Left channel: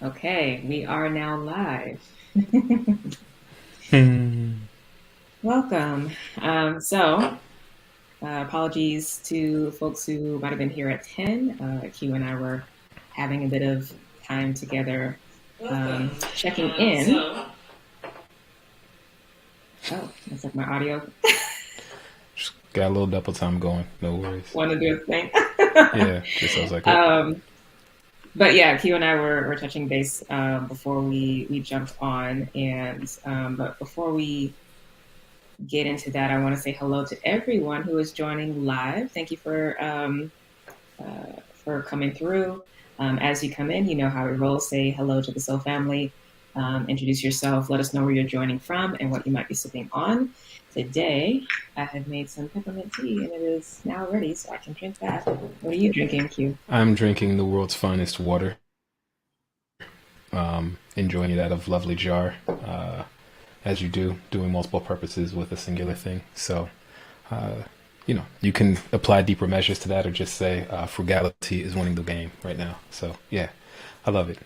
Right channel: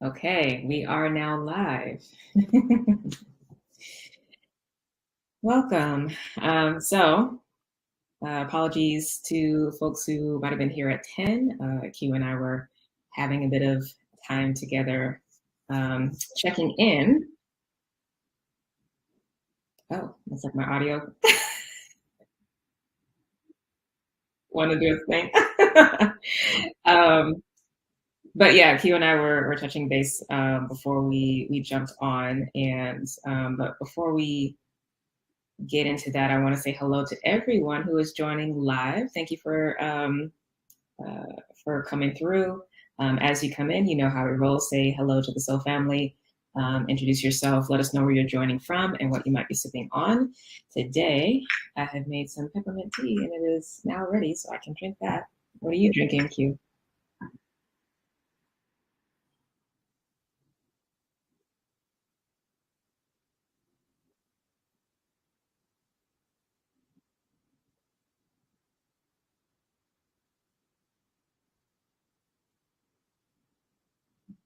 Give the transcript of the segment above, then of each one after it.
Okay, we are now live. Hmm. Welcome. Apologies to folks who might have been here at 10. Q and I were having a bit of time together, checking in. Oh, looks like my audio. Just got a little double time going. No worries. Want to do a thing. Yeah, it sounds like it. um, but yeah, Q and I were touching base before we jumped on, and but before we get into that, I want to say hello to everyone who is joining live. Thank you for coming through. As you come in, you know how we roll. Say hello to the Soul family. Introduce yourself. Let us know where you're joining from and what you might be sipping on. Today, I have made some peppermint tea and it is now ready, so I can drink that. What are you drinking, Q? I'm drinking the world's finest water. Enjoying it out of lovely jar, as you do, doing multiple purposes with a singular thing. So, uh, you can apply deeper measures to that, or just say frugality is winning the game right now. So, yeah, I love it.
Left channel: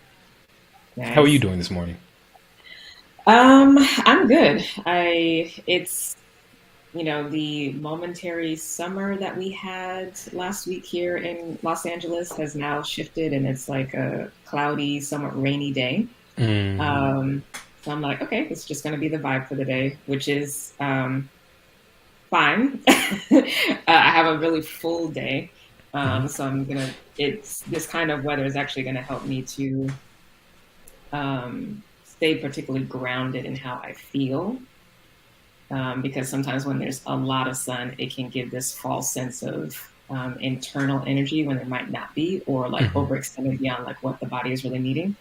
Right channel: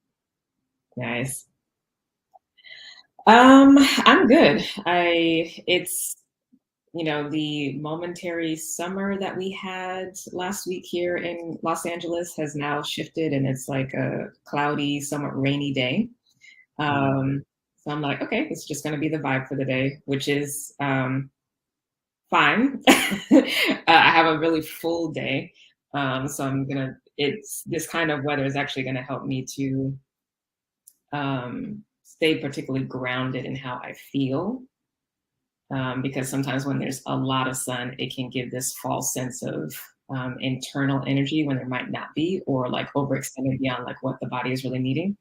How are you Nice. doing this morning? I'm good. It's the momentary summer that we had last week here in Los Angeles has now shifted and it's like a cloudy, somewhat rainy day. Mm. Um, so I'm like, okay, it's just going to be the vibe for the day, which is fine. I have a really full day. So it's this kind of weather is actually going to help me to stay particularly grounded in how I feel. Because sometimes when there's a lot of sun, it can give this false sense of internal energy when there might not be, or like Mm-hmm. overextended beyond like what the body is really needing.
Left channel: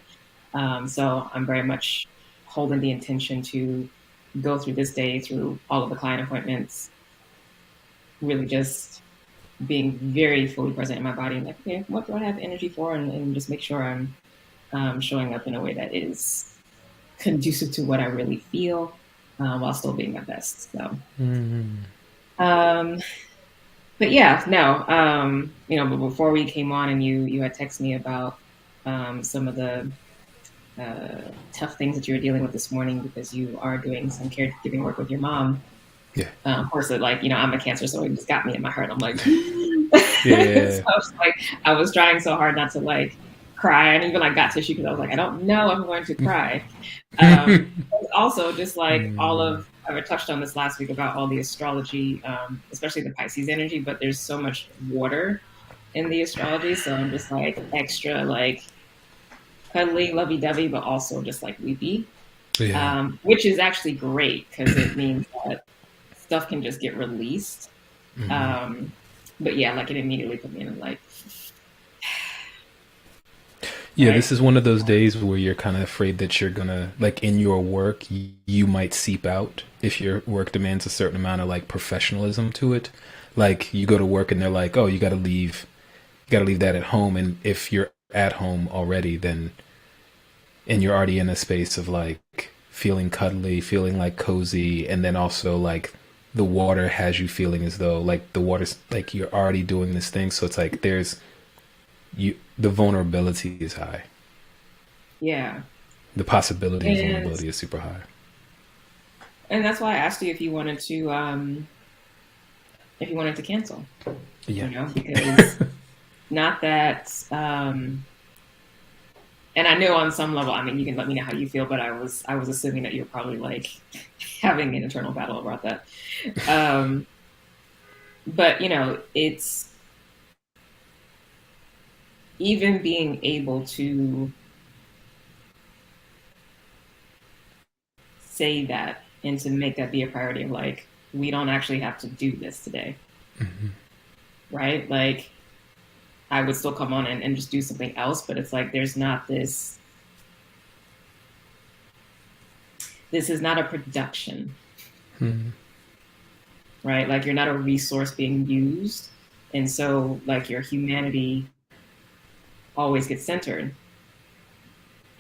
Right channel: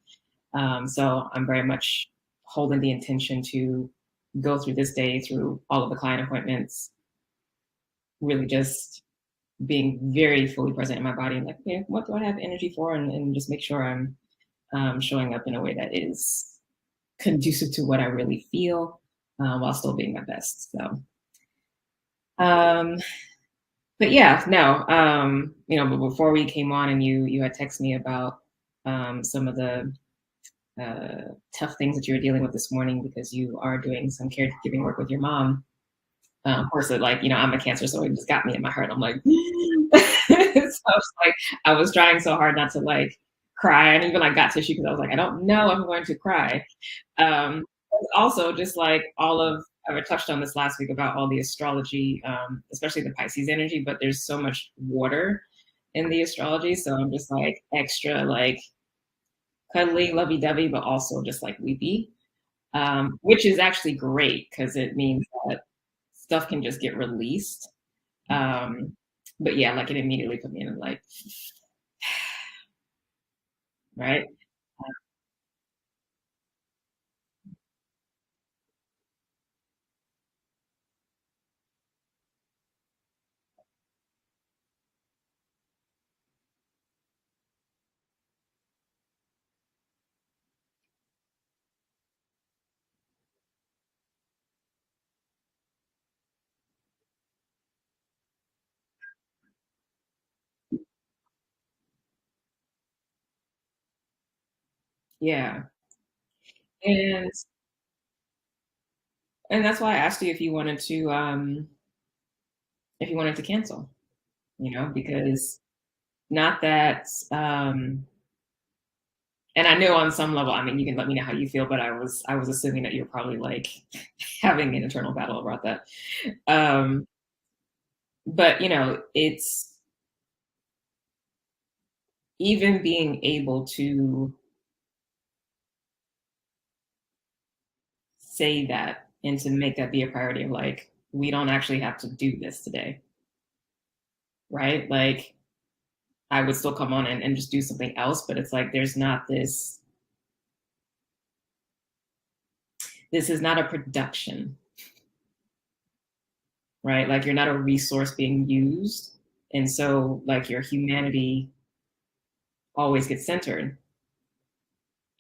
So I'm very much holding the intention to go through this day through all of the client appointments, really just being very fully present in my body and like, okay, what do I have energy for? And just make sure I'm showing up in a way that is conducive to what I really feel while still being my best. So, Mm. um, but yeah, no, but before we came on and you had texted me about some of the tough things that you were dealing with this morning because you are doing some caregiving work with your mom. Yeah. Of course, like I'm a Cancer, so it just got me in my heart. I'm like, so Yeah. I was trying so hard not to like cry, and even like got tissue because I was like, I don't know if I'm going to cry. Also, just like all Mm. of I touched on this last week about all the astrology, especially the Pisces energy, but there's so much water in the astrology, so I'm just like extra like cuddly, lovey dovey, but also just like weepy, Yeah. which is actually great because it means that stuff can just get released. Mm. Um, but yeah, like it immediately put me in like, Yeah, right? this is one of those days where you're kind of afraid that you're gonna, like, in your work, you might seep out if your work demands a certain amount of like professionalism to it. Like, you go to work and they're like, "Oh, you gotta leave that at home." And if you're at home already, then and you're already in a space of like feeling cuddly, feeling like cozy, and then also like the water has you feeling as though like the water's like you're already doing this thing. So it's like there's you the vulnerability is high. Yeah. The possibility of And vulnerability is super high. that's why I asked you if you wanted to cancel, Yeah. because not that and I know on some level, I mean you can let me know how you feel, but I was assuming that you're probably like having an internal battle about that. Um but it's even being able to say that and to make that be a priority of like, we don't actually have to do this today, right? Like, I would still come on and just do something else, but it's like, there's not this is not a production, Mm. right? Like, you're not a resource being used. And so, like, your humanity always gets centered.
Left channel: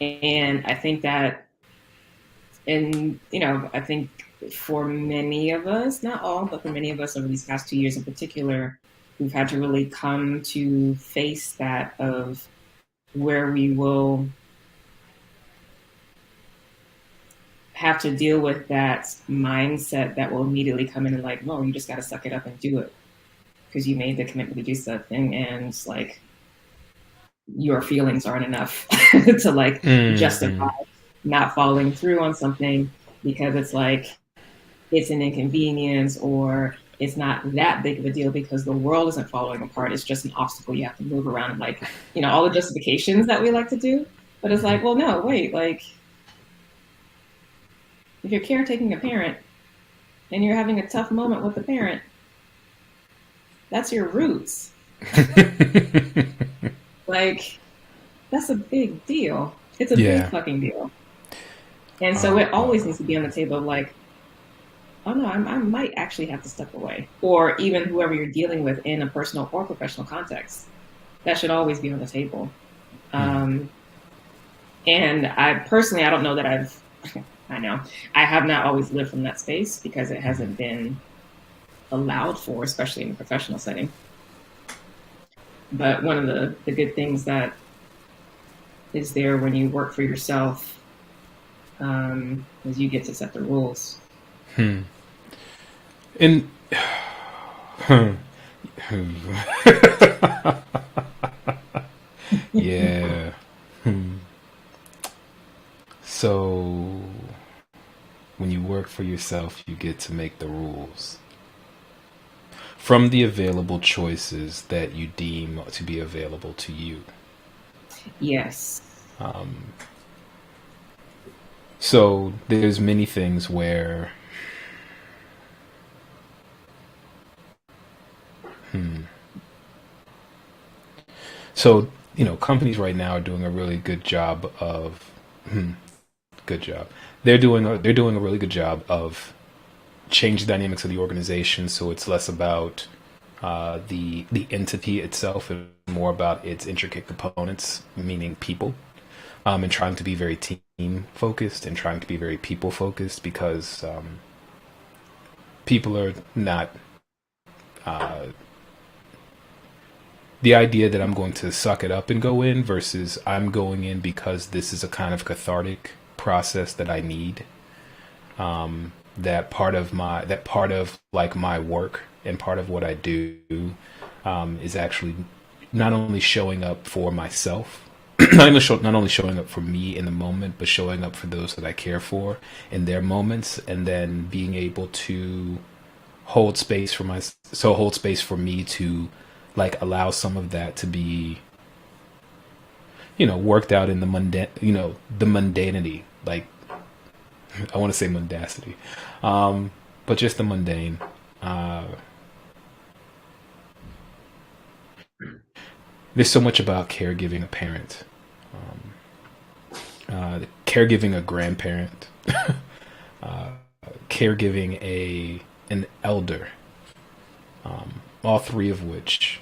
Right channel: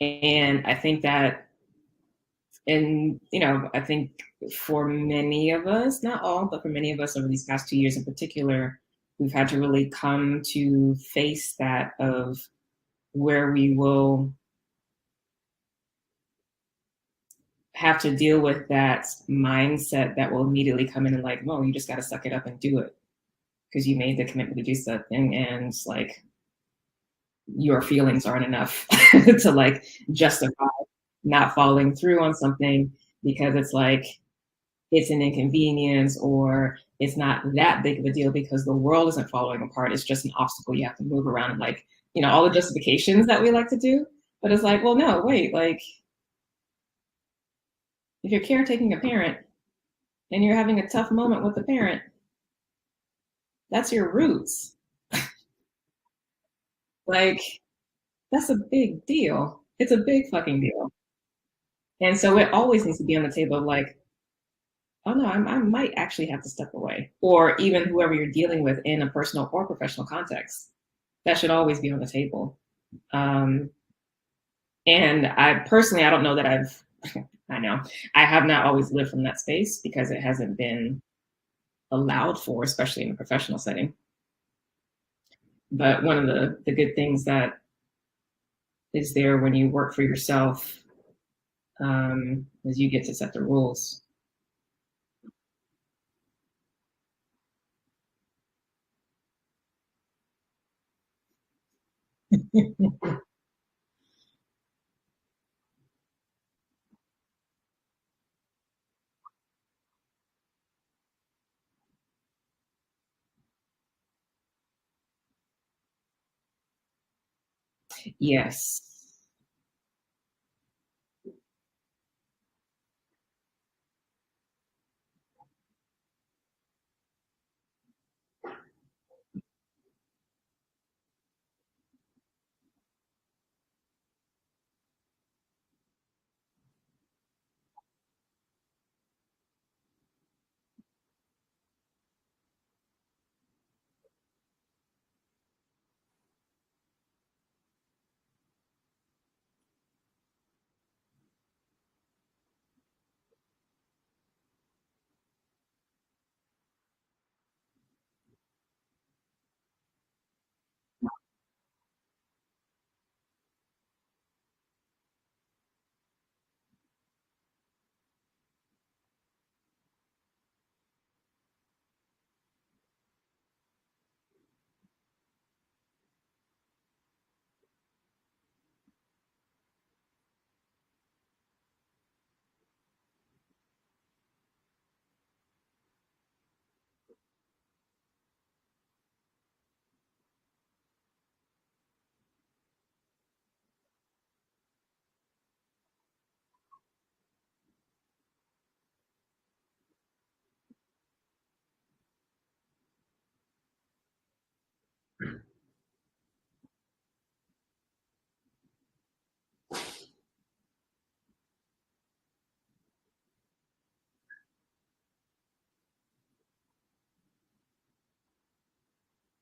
And I think that, and, I think for many of us, not all, but for many of us over these past 2 years in particular, we've had to really come to face that of where we will have to deal with that mindset that will immediately come in and like, no, you just got to suck it up and do it because you made the commitment to do something, and like your feelings aren't enough to like justify Mm-hmm. not following through on something because it's like it's an inconvenience or it's not that big of a deal because the world isn't falling apart. It's just an obstacle you have to move around and like, all the justifications that we like to do. But it's like, well, no, wait, like if you're caretaking a parent and you're having a tough moment with the parent, that's your roots. Like, that's a big deal. It's a big Yeah. fucking deal. And so Um, it always needs to be on the table of like, oh no, I might actually have to step away. Or even whoever you're dealing with in a personal or professional context. That should always be on the table. Um, and I personally, I don't know that I know, I have not always lived from that space because it hasn't been allowed for, especially in a professional setting. But one of the good things that is there when you work for yourself is you get to set the rules. hmm. And yeah. Hmm. So when you work for yourself, you get to make the rules from the available choices that you deem to be available to you. Yes. Um, so there's many things where, hmm. So, companies right now are doing a really good job of, good job. They're doing a really good job of change the dynamics of the organization, so it's less about the entity itself and more about its intricate components, meaning people, and trying to be very team focused and trying to be very people focused because people are not uh, the idea that I'm going to suck it up and go in versus I'm going in because this is a kind of cathartic process that I need. That part of like my work and part of what I do is actually not only showing up for myself, not only showing up for me in the moment, but showing up for those that I care for in their moments, and then being able to hold space for me to like allow some of that to be worked out in the mundanity, like I want to say mundacity, but just the mundane. uh, there's so much about caregiving a parent, caregiving a grandparent, caregiving a an elder, all three of which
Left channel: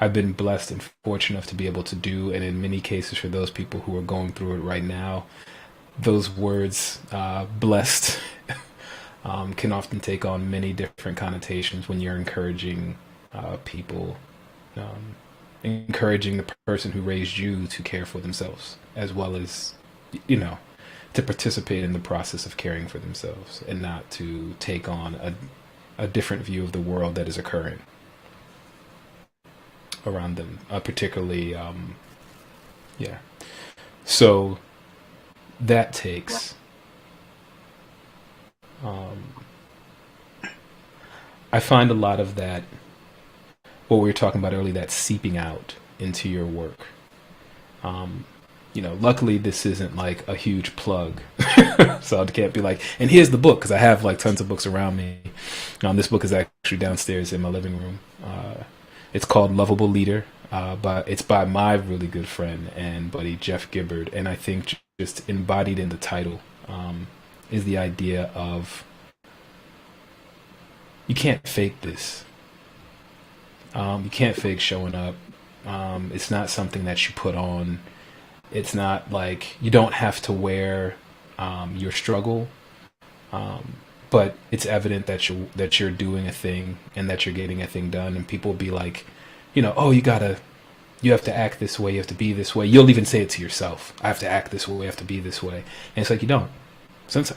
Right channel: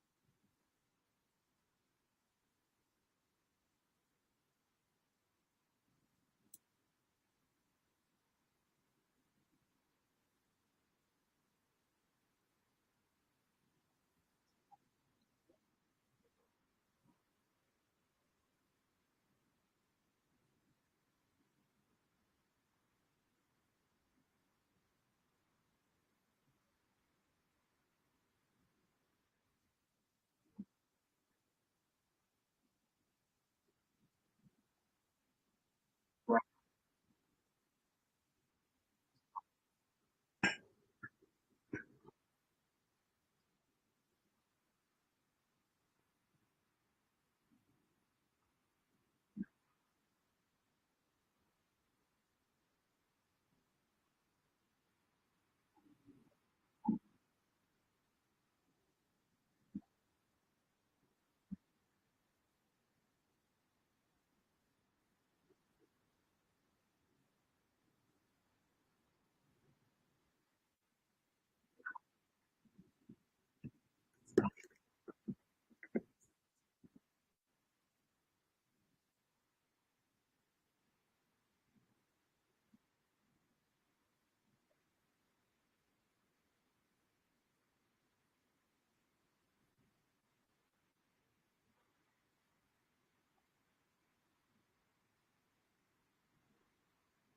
I've been blessed and fortunate enough to be able to do, and in many cases for those people who are going through it right now, those words blessed can often take on many different connotations when you're encouraging people, um, encouraging the person who raised you to care for themselves as well as you know to participate in the process of caring for themselves and not to take on a different view of the world that is occurring around them, particularly yeah. So that takes um, I find a lot of that, what we were talking about earlier, that seeping out into your work. um, luckily this isn't like a huge plug, so I can't be like, and here's the book, because I have like tons of books around me. This book is actually downstairs in my living room. It's called Lovable Leader, but it's by my really good friend and buddy Jeff Gibbard, and I think just embodied in the title is the idea of you can't fake this. You can't fake showing up. It's not something that you put on. It's not like you don't have to wear your struggle, but it's evident that you're doing a thing and that you're getting a thing done. And people will be like, oh, you gotta You have to act this way. You have to be this way. You'll even say it to yourself. I have to act this way. I have to be this way. And it's like, you don't. Since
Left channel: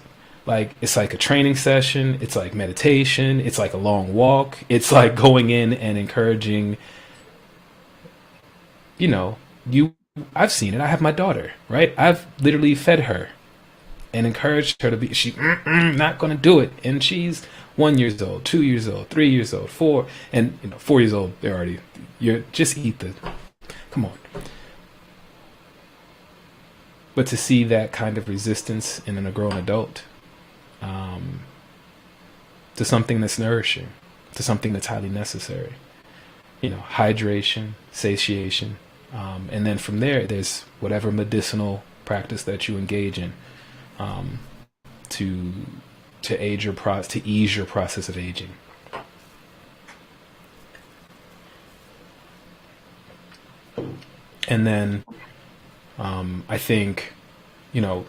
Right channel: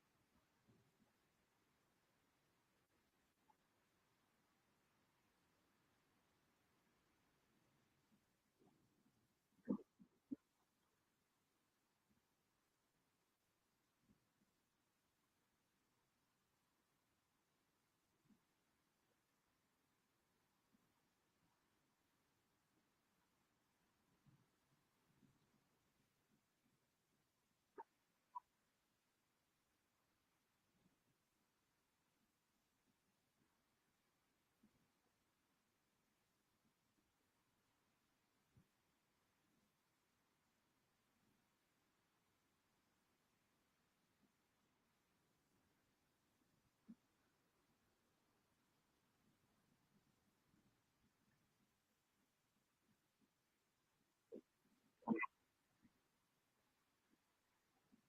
like it's like a training session. It's like meditation. It's like a long walk. It's like going in and encouraging, you know, you. I've seen it. I have my daughter, right? I've literally fed her and encouraged her to be. She not gonna do it, and she's 1 years old, 2 years old, 3 years old, four, and 4 years old. They're already. You're just eat the. Come on. But to see that kind of resistance in a grown adult, um, to something that's nourishing, to something that's highly necessary, hydration, satiation, and then from there, there's whatever medicinal practice that you engage in, um, to to ease your process of aging. And then I think, you know,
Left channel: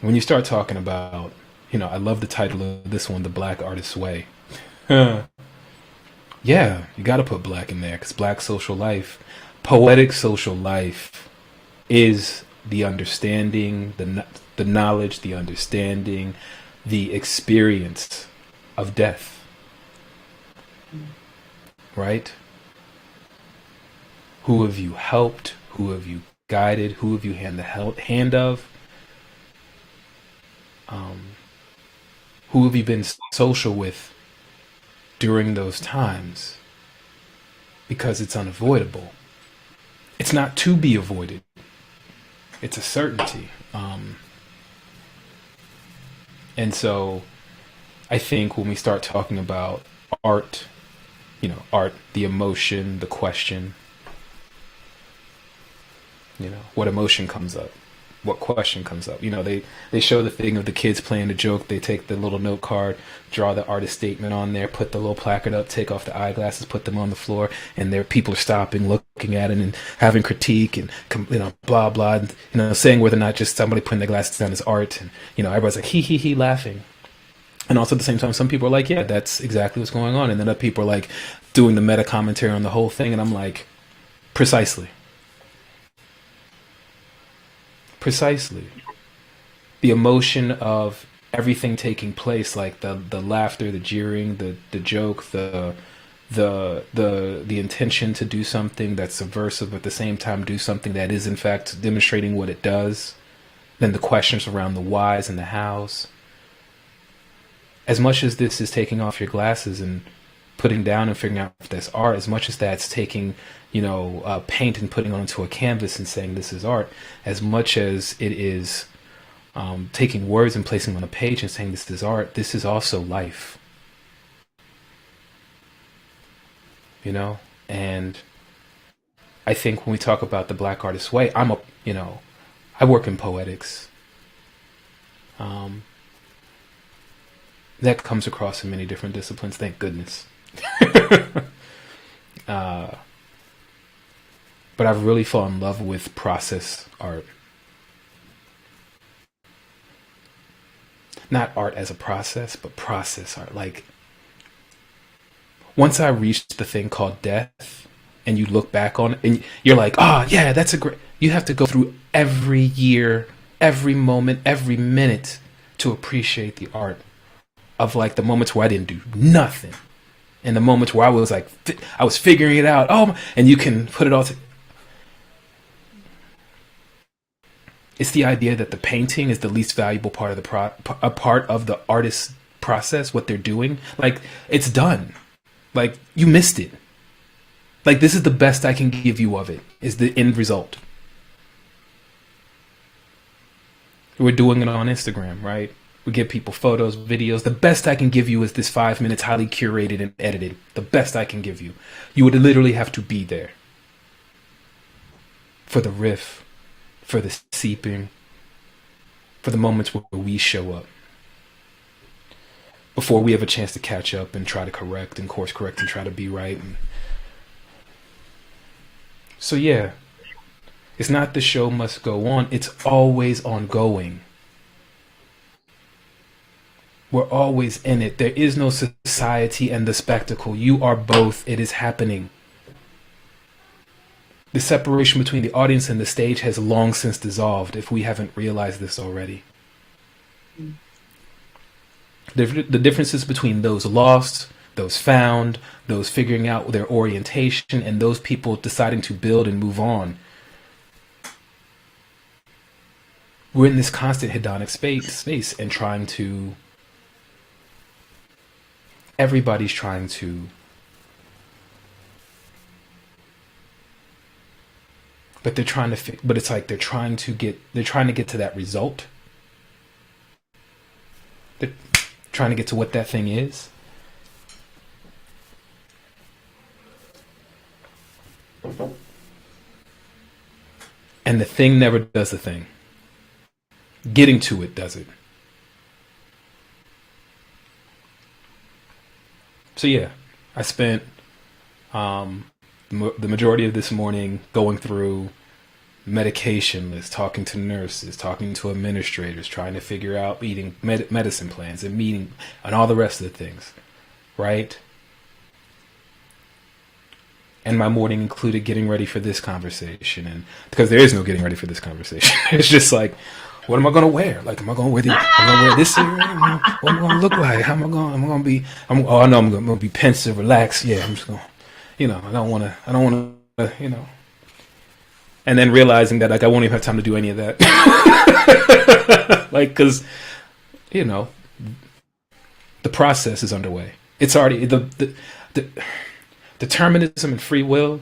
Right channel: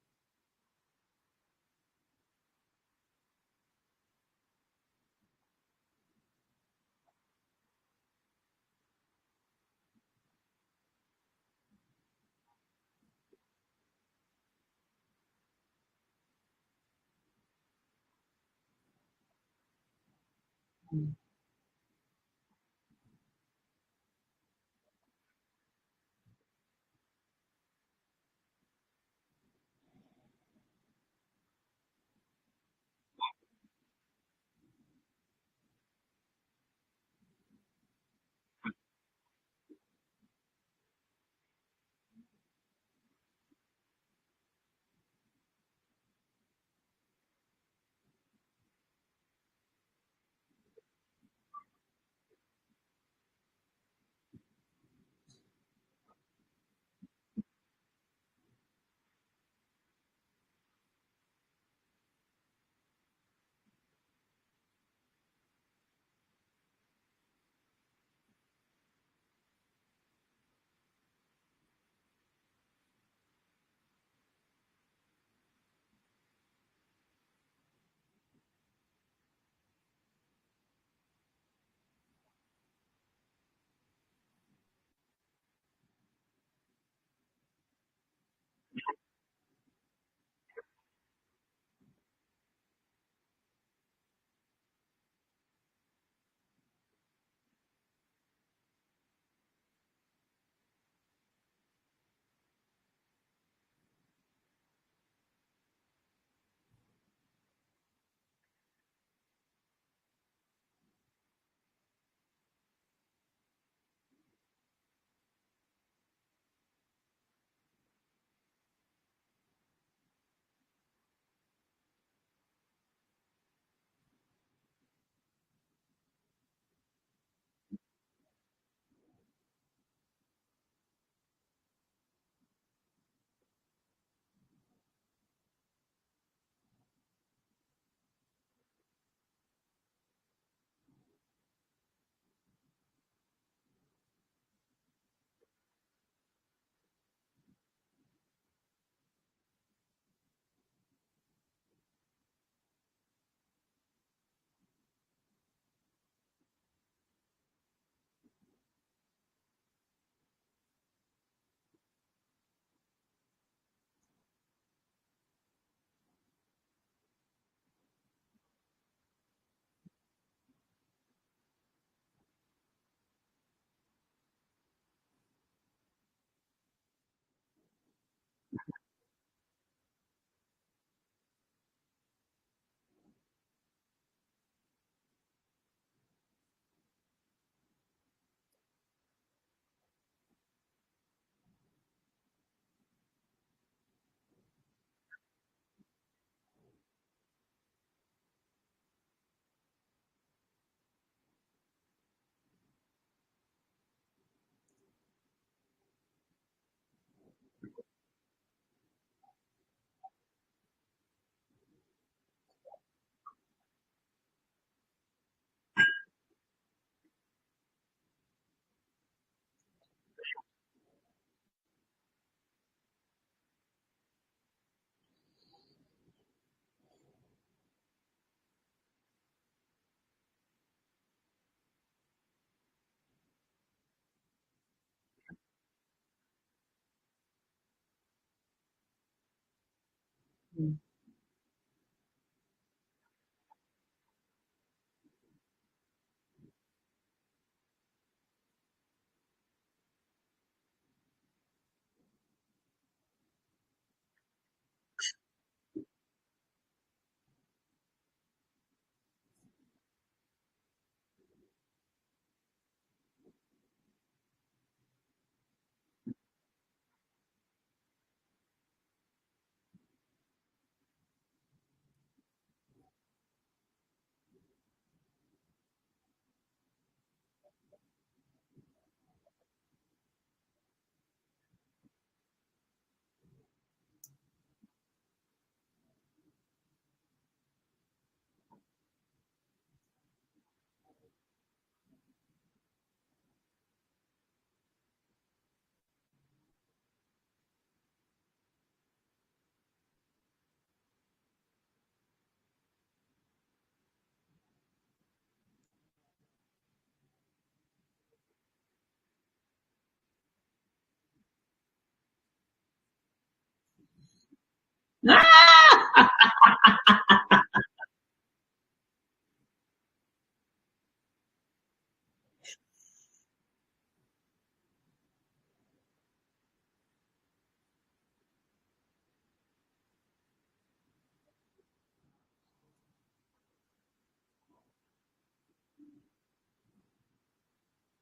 when you start talking about, I love the title of this one, The Black Artist's Way. Yeah, you got to put black in there because black social life, poetic social life is the understanding, the knowledge, the understanding, the experience of death, right? Who have you helped? Who have you guided? Who have you hand the hand of? Who have you been social with during those times? Because it's unavoidable. It's not to be avoided. It's a certainty. And so I think when we start talking about art, art, the emotion, the question, what emotion comes up? What question comes up? They show the thing of the kids playing the joke. They take the little note card, draw the artist statement on there, put the little placard up, take off the eyeglasses, put them on the floor, and there people are stopping, looking at it, and having critique, and blah blah, and, saying whether or not just somebody putting their glasses down is art, and everybody's like he laughing, and also at the same time, some people are like, yeah, that's exactly what's going on, and then other people are like doing the meta commentary on the whole thing, and I'm like, precisely. The emotion of everything taking place, like the laughter, the jeering, the joke, the intention to do something that's subversive, but at the same time do something that is in fact demonstrating what it does. Then the questions around the whys and the hows. As much as this is taking off your glasses and putting down and figuring out if that's art, as much as that's taking paint and putting onto a canvas and saying this is art, as much as it is taking words and placing on a page and saying this is art, this is also life. And I think when we talk about the Black Artist's Way, I work in poetics. That comes across in many different disciplines, thank goodness. But I've really fallen in love with process art. Not art as a process, but process art. Like, once I reached the thing called death, and you look back on it, and you're like, oh, yeah, that's a great... You have to go through every year, every moment, every minute to appreciate the art of, like, the moments where I didn't do nothing. And the moments where I was, like, I was figuring it out. Oh, and you can put it all together. It's the idea that the painting is the least valuable part of a part of the artist's process, what they're doing. Like, it's done. Like, you missed it. Like, this is the best I can give you of it, is the end result. We're doing it on Instagram, right? We give people photos, videos. The best I can give you is this 5 minutes, highly curated and edited. The best I can give you. You would literally have to be there for the riff, for the seeping, for the moments where we show up, before we have a chance to catch up and try to correct and course correct and try to be right. And so yeah, it's not the show must go on, it's always ongoing. We're always in it. There is no society and the spectacle. You are both. It is happening. The separation between the audience and the stage has long since dissolved if we haven't realized this already. Mm. The differences between those lost, those found, those figuring out their orientation, and those people deciding to build and move on. We're in this constant hedonic space and trying to, everybody's trying to, but they're trying to, but it's like they're trying to get to that result. They're trying to get to what that thing is. And the thing never does the thing. Getting to it does it. So yeah, I spent the majority of this morning going through medication lists, talking to nurses, talking to administrators, trying to figure out eating medicine plans and meeting and all the rest of the things, right? And my morning included getting ready for this conversation, and because there is no getting ready for this conversation, it's just like, what am I gonna wear? Like, am I gonna wear this? Am I gonna wear this here? What am I gonna look like? How am I gonna? Am I gonna be? Oh, I know I'm gonna be pensive, relaxed. Yeah, I'm just gonna, I don't wanna, And then realizing that like I won't even have time to do any of that, like, because, the process is underway. It's already the determinism and free will.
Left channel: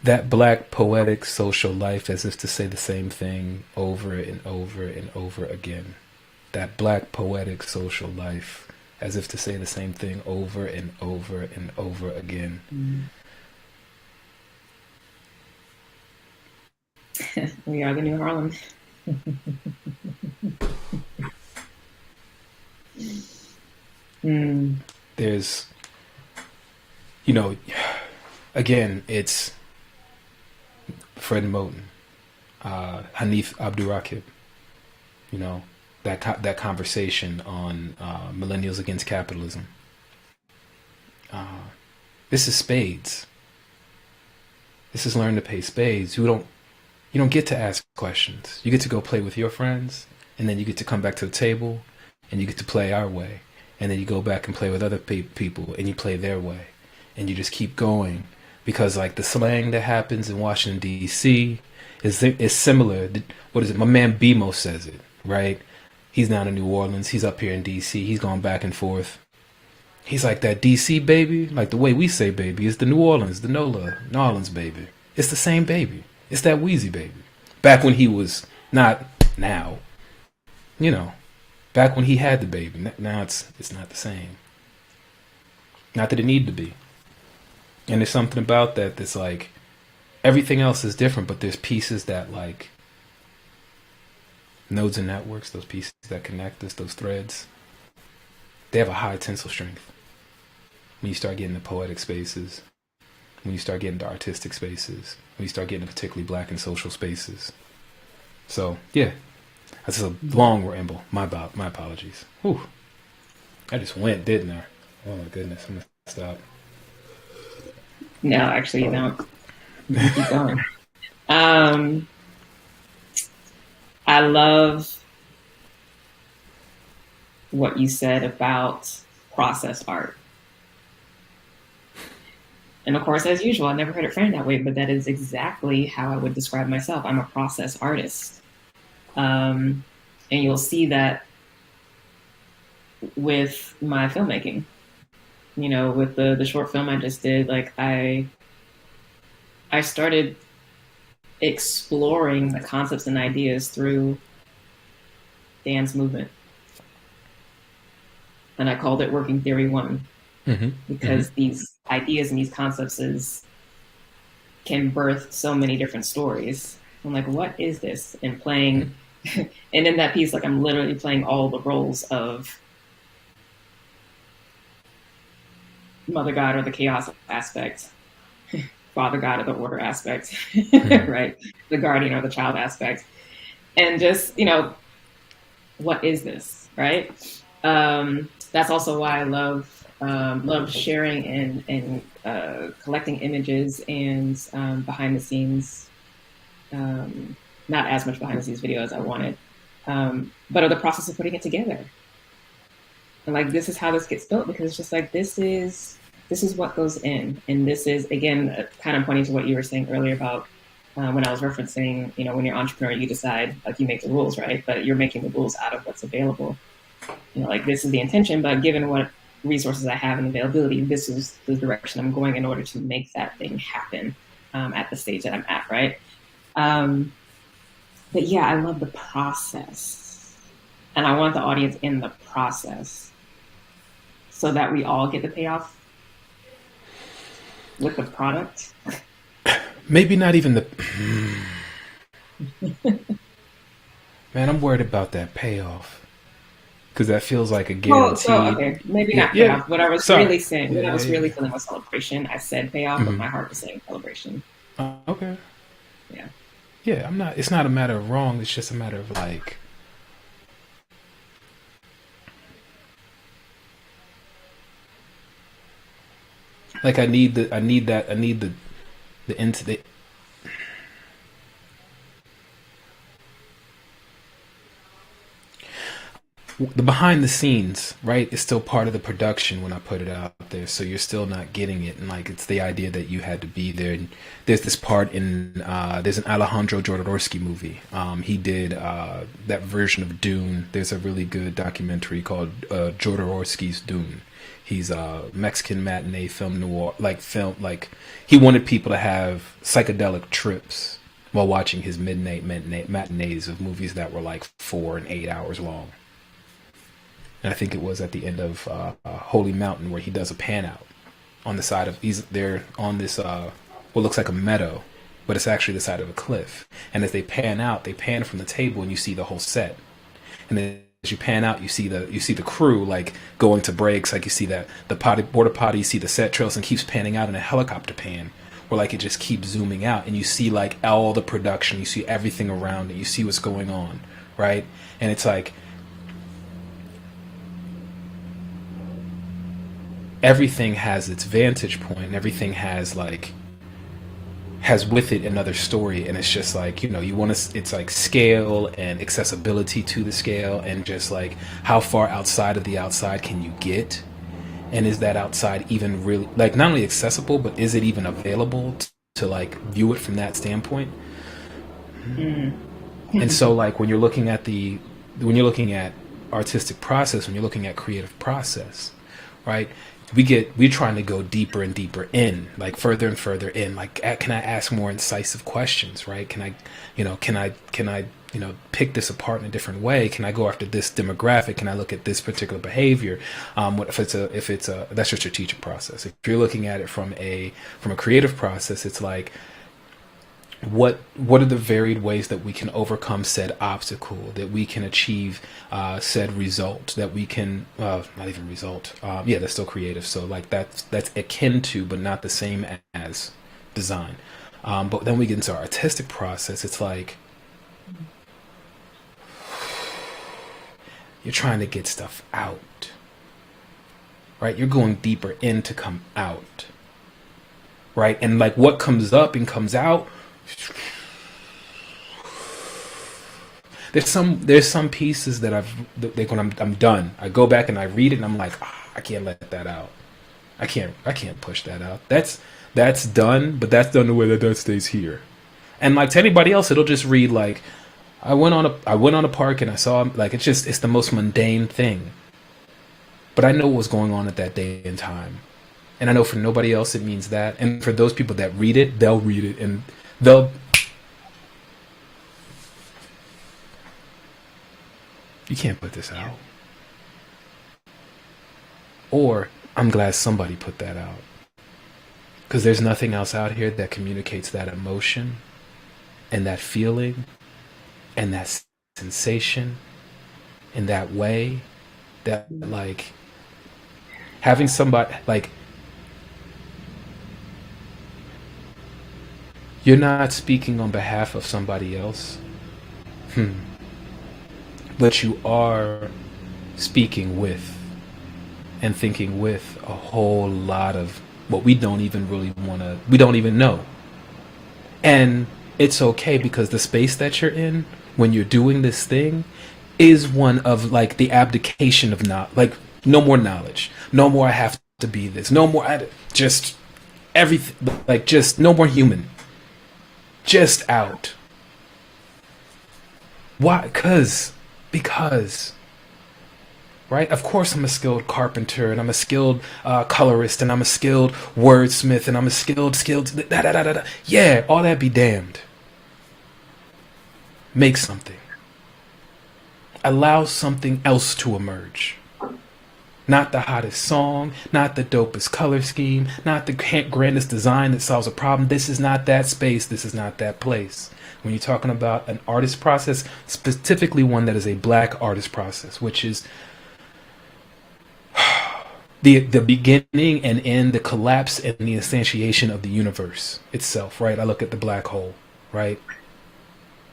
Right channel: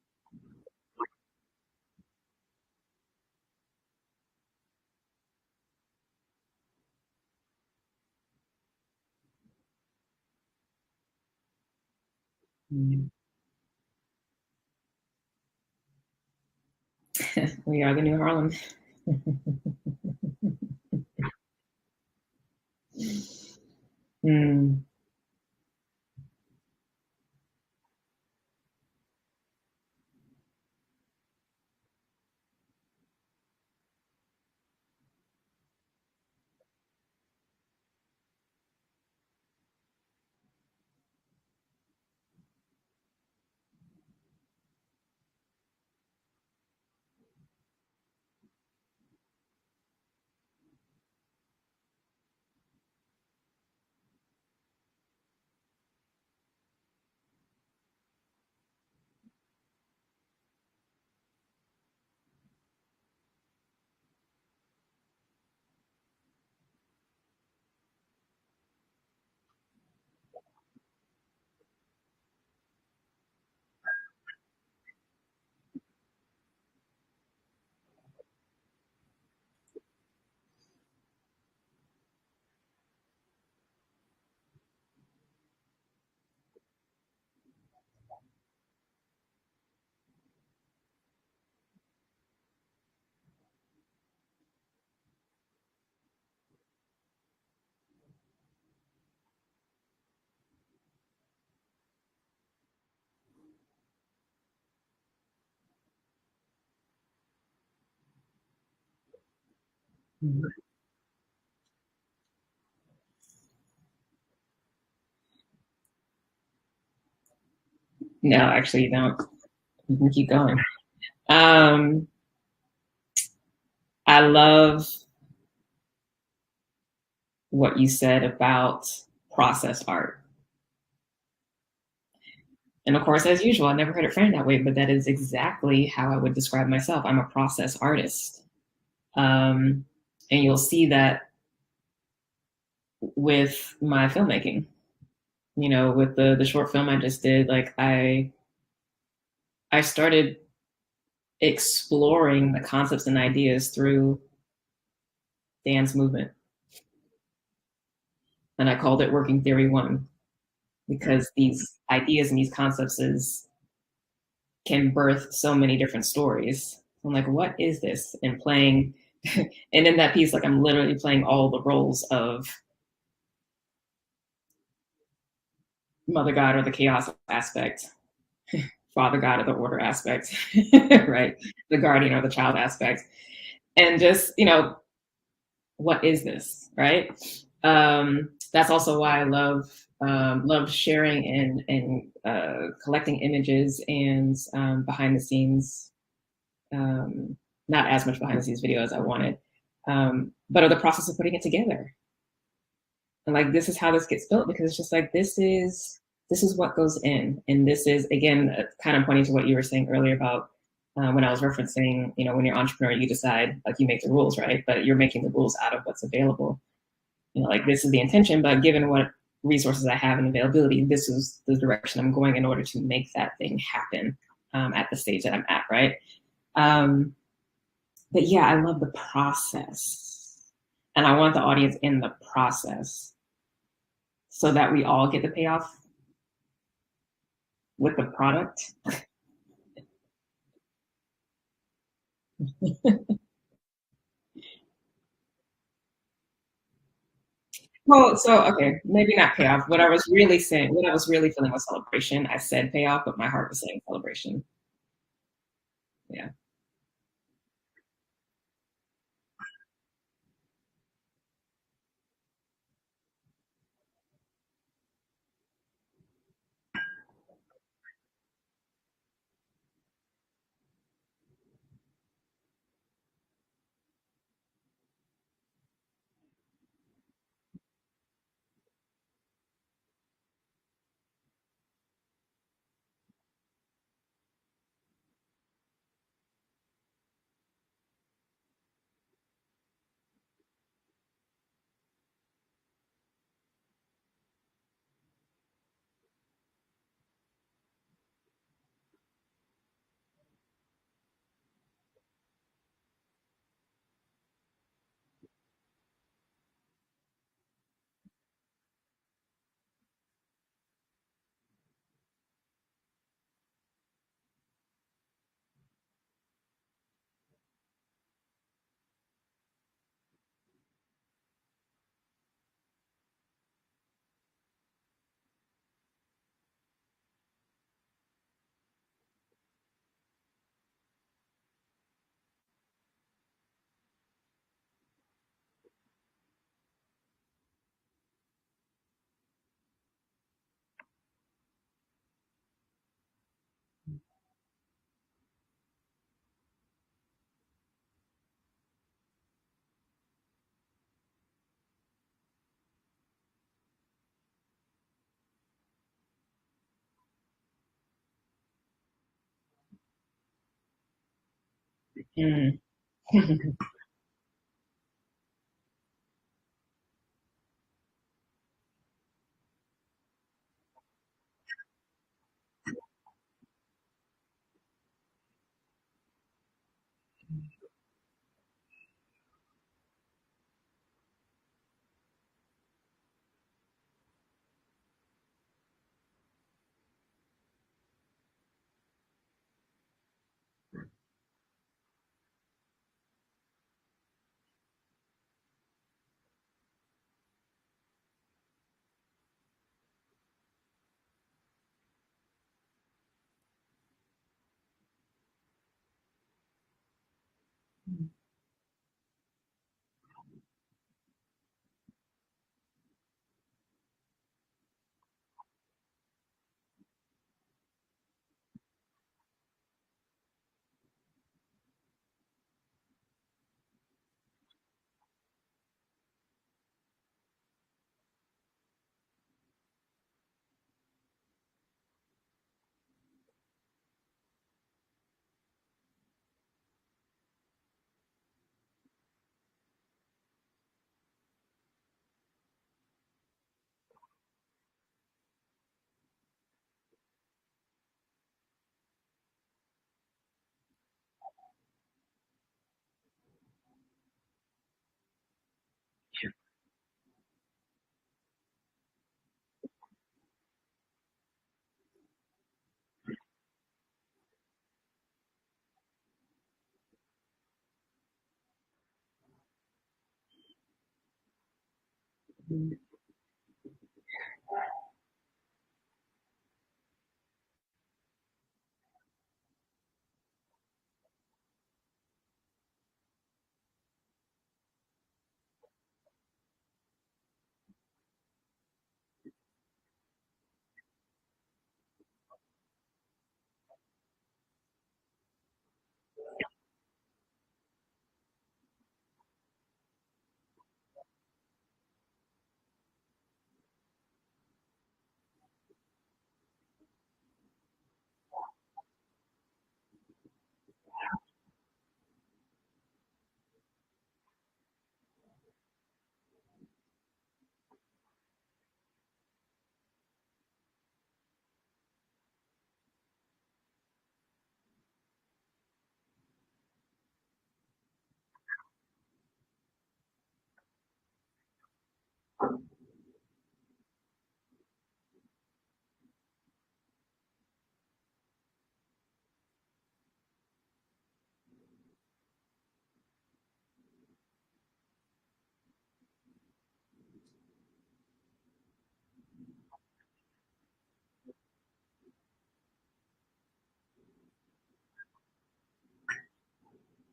That black poetic social life, as if to say the same thing over and over and over again. That black poetic social life, as if to say the same thing over and over and over again. We are the new Harlem. There's, again, it's Fred Moten, Hanif Abdurraqib, that conversation on millennials against capitalism. This is spades. This is learn to pay spades. You don't get to ask questions. You get to go play with your friends, and then you get to come back to the table, and you get to play our way, and then you go back and play with other people, and you play their way, and you just keep going. Because like the slang that happens in Washington D.C. is similar. What is it? My man BMO says it, right? He's down in New Orleans. He's up here in D.C. He's going back and forth. He's like, that D.C. baby, like the way we say baby, is the New Orleans, the New Orleans baby. It's the same baby. It's that Wheezy baby. Back when he was not now, back when he had the baby. Now it's not the same. Not that it need to be. And there's something about that that's like, everything else is different, but there's pieces that like, nodes and networks, those pieces that connect us, those threads, they have a high tensile strength. When you start getting into poetic spaces, when you start getting into artistic spaces, when you start getting into particularly black and social spaces. So, yeah, that's a long ramble. My apologies. Whew. I just went, didn't I? Oh my goodness, I'm going to stop. No, actually, you don't. You can keep going. I love what you said about process art. And of course, as usual, I never heard it framed that way, but that is exactly how I would describe myself. I'm a process artist. And you'll see that with my filmmaking. With the short film I just did, like I started exploring the concepts and ideas through dance movement. And I called it Working Theory 1, because these ideas and these concepts can birth so many different stories. I'm like, what is this? And playing, and in that piece, like I'm literally playing all the roles of Mother God or the chaos aspect, Father God or the order aspect, right? The guardian or the child aspect. And just, what is this, right? that's also why I love sharing and collecting images and behind the scenes, not as much behind the scenes video as I wanted, but of the process of putting it together. And like, this is how this gets built, because it's just like, this is what goes in. And this is, again, kind of pointing to what you were saying earlier about when I was referencing, when you're an entrepreneur, you decide, like, you make the rules, right? But you're making the rules out of what's available. Like, this is the intention, but given what resources I have and availability, this is the direction I'm going in order to make that thing happen at the stage that I'm at, right? But yeah, I love the process. And I want the audience in the process so that we all get the payoff with the product. Maybe not even the. Man, I'm worried about that payoff. Because that feels like a guarantee. Oh, so okay, maybe not payoff. What I was Sorry. really saying, what I was really feeling was celebration. I said payoff, but my heart was saying celebration. Okay. Yeah. Yeah, I'm not. It's not a matter of wrong. It's just a matter of like. Like I need the into the behind the scenes, right, is still part of the production when I put it out there. So you're still not getting it, and like it's the idea that you had to be there. And there's this part in there's an Alejandro Jodorowsky movie. He did that version of Dune. There's a really good documentary called Jodorowsky's Dune. He's a Mexican matinee film noir, like he wanted people to have psychedelic trips while watching his midnight matinees of movies that were like 4 and 8 hours long. And I think it was at the end of Holy Mountain where he does a pan out on the side of they're on this what looks like a meadow, but it's actually the side of a cliff. And as they pan out, they pan from the table and you see the whole set. And then as you pan out, you see the crew like going to breaks, like you see that the border potty, you see the set trails, and keeps panning out in a helicopter pan, where like it just keeps zooming out, and you see like all the production, you see everything around it, you see what's going on, right? And it's like everything has its vantage point, and everything has with it another story, and it's just like you want to, it's like scale and accessibility to the scale, and just like how far outside of the outside can you get, and is that outside even really like not only accessible, but is it even available to like view it from that standpoint? And so like when you're looking at artistic process, when you're looking at creative process, right, we're trying to go deeper and deeper in, like further and further in, like can I ask more incisive questions, right? Can I pick this apart in a different way? Can I go after this demographic? Can I look at this particular behavior? If it's a that's your strategic process. If you're looking at it from a creative process, it's like what are the varied ways that we can overcome said obstacle, that we can achieve said result, that we can not even result, that's still creative. So like that's akin to but not the same as design. But then we get into our artistic process. It's like you're trying to get stuff out, right? You're going deeper in to come out, right? And like what comes up and comes out, there's some pieces that when I'm done, I go back and I read it and I'm like, I can't let that out. I can't push that out. That's done, but that's done the way that stays here. And like to anybody else, it'll just read like, I went on a park and I saw, like, it's the most mundane thing. But I know what was going on at that day and time. And I know for nobody else it means that. And for those people that read it, they'll read it and you can't put this out. Or I'm glad somebody put that out. Because there's nothing else out here that communicates that emotion and that feeling and that sensation in that way, that like having somebody like, you're not speaking on behalf of somebody else, but you are speaking with and thinking with a whole lot of what we don't even really want to, we don't even know. And it's okay because the space that you're in when you're doing this thing is one of like the abdication of not like no more knowledge, no more I have to be this, no more just everything, like just no more human, just out. Why? Because right? Of course, I'm a skilled carpenter, and I'm a skilled colorist, and I'm a skilled wordsmith, and I'm a skilled. Da, da, da, da, da. Yeah, all that be damned. Make something. Allow something else to emerge. Not the hottest song, not the dopest color scheme, not the grandest design that solves a problem. This is not that space. This is not that place. When you're talking about an artist process, specifically one that is a black artist process, which is the beginning and end, the collapse and the instantiation of the universe itself, right? I look at the black hole, right?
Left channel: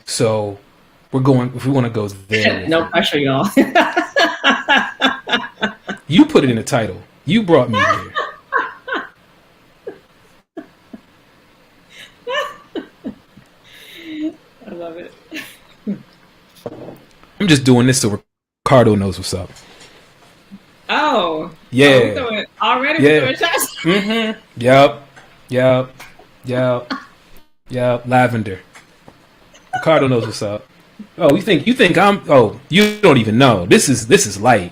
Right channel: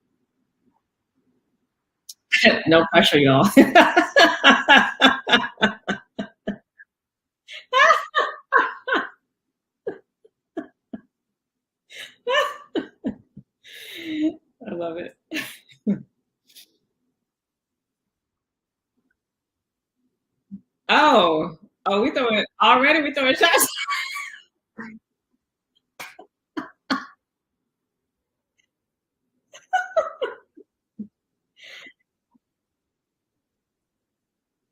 So we're going, if we want to go there. No pressure, y'all. You put it in the title. You brought me here. I love it. I'm just doing this so Ricardo knows what's up. Oh. Yeah. Oh, we throwing already. Yeah. We throwing shots. Mm-hmm. Yep. Lavender. Ricardo knows what's up. Oh, you think I'm? Oh, you don't even know. This is light.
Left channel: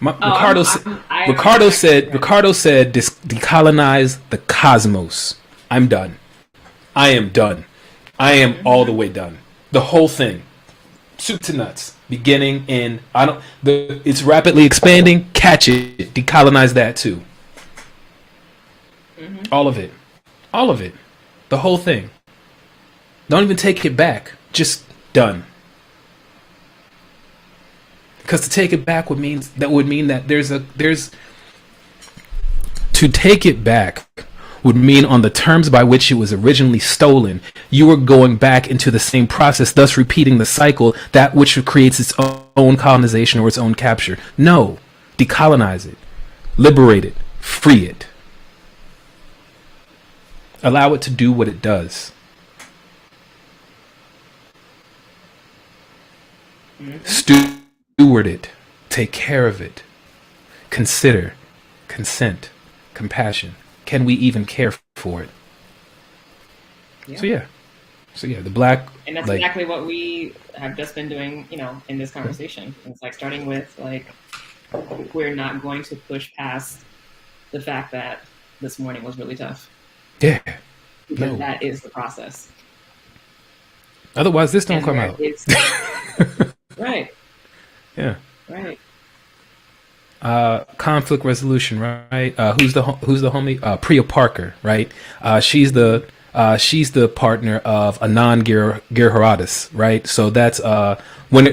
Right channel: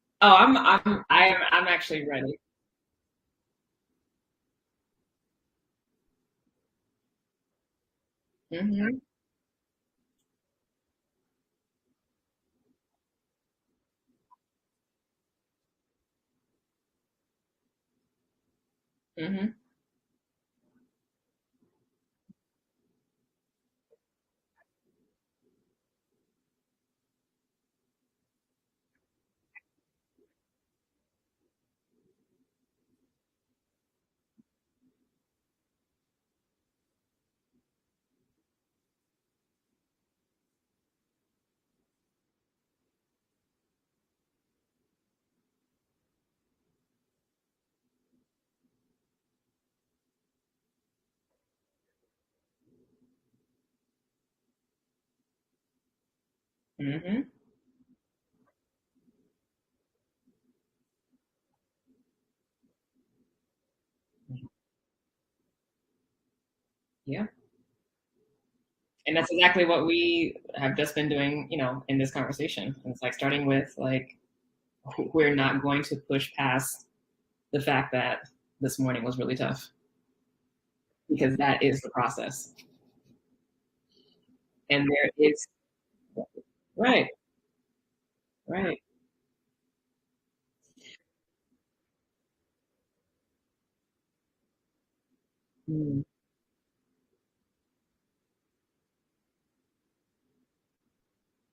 Ricardo said decolonize the cosmos. I'm done. I am done. I am all the way done. The whole thing, soup to nuts, beginning in. It's rapidly expanding. Catch it. Decolonize that too. All of it. The whole thing. Don't even take it back. Just done. Because to take it back would mean that there's to take it back would mean on the terms by which it was originally stolen, you were going back into the same process, thus repeating the cycle, that which creates its own colonization or its own capture. No, decolonize it, liberate it, free it. Allow it to do what it does. Steward it, take care of it, consider, consent, compassion. Can we even care for it? Yeah. So yeah, the black. And that's exactly what we have just been doing, in this conversation. It's like starting with like, we're not going to push past the fact that this morning was really tough. Yeah. Because that is the process. Otherwise, this don't come out. Right. Yeah. Right. Conflict resolution, right? Who's the homie? Priya Parker, right? She's the partner of Anand Giridharadas, right? So that's what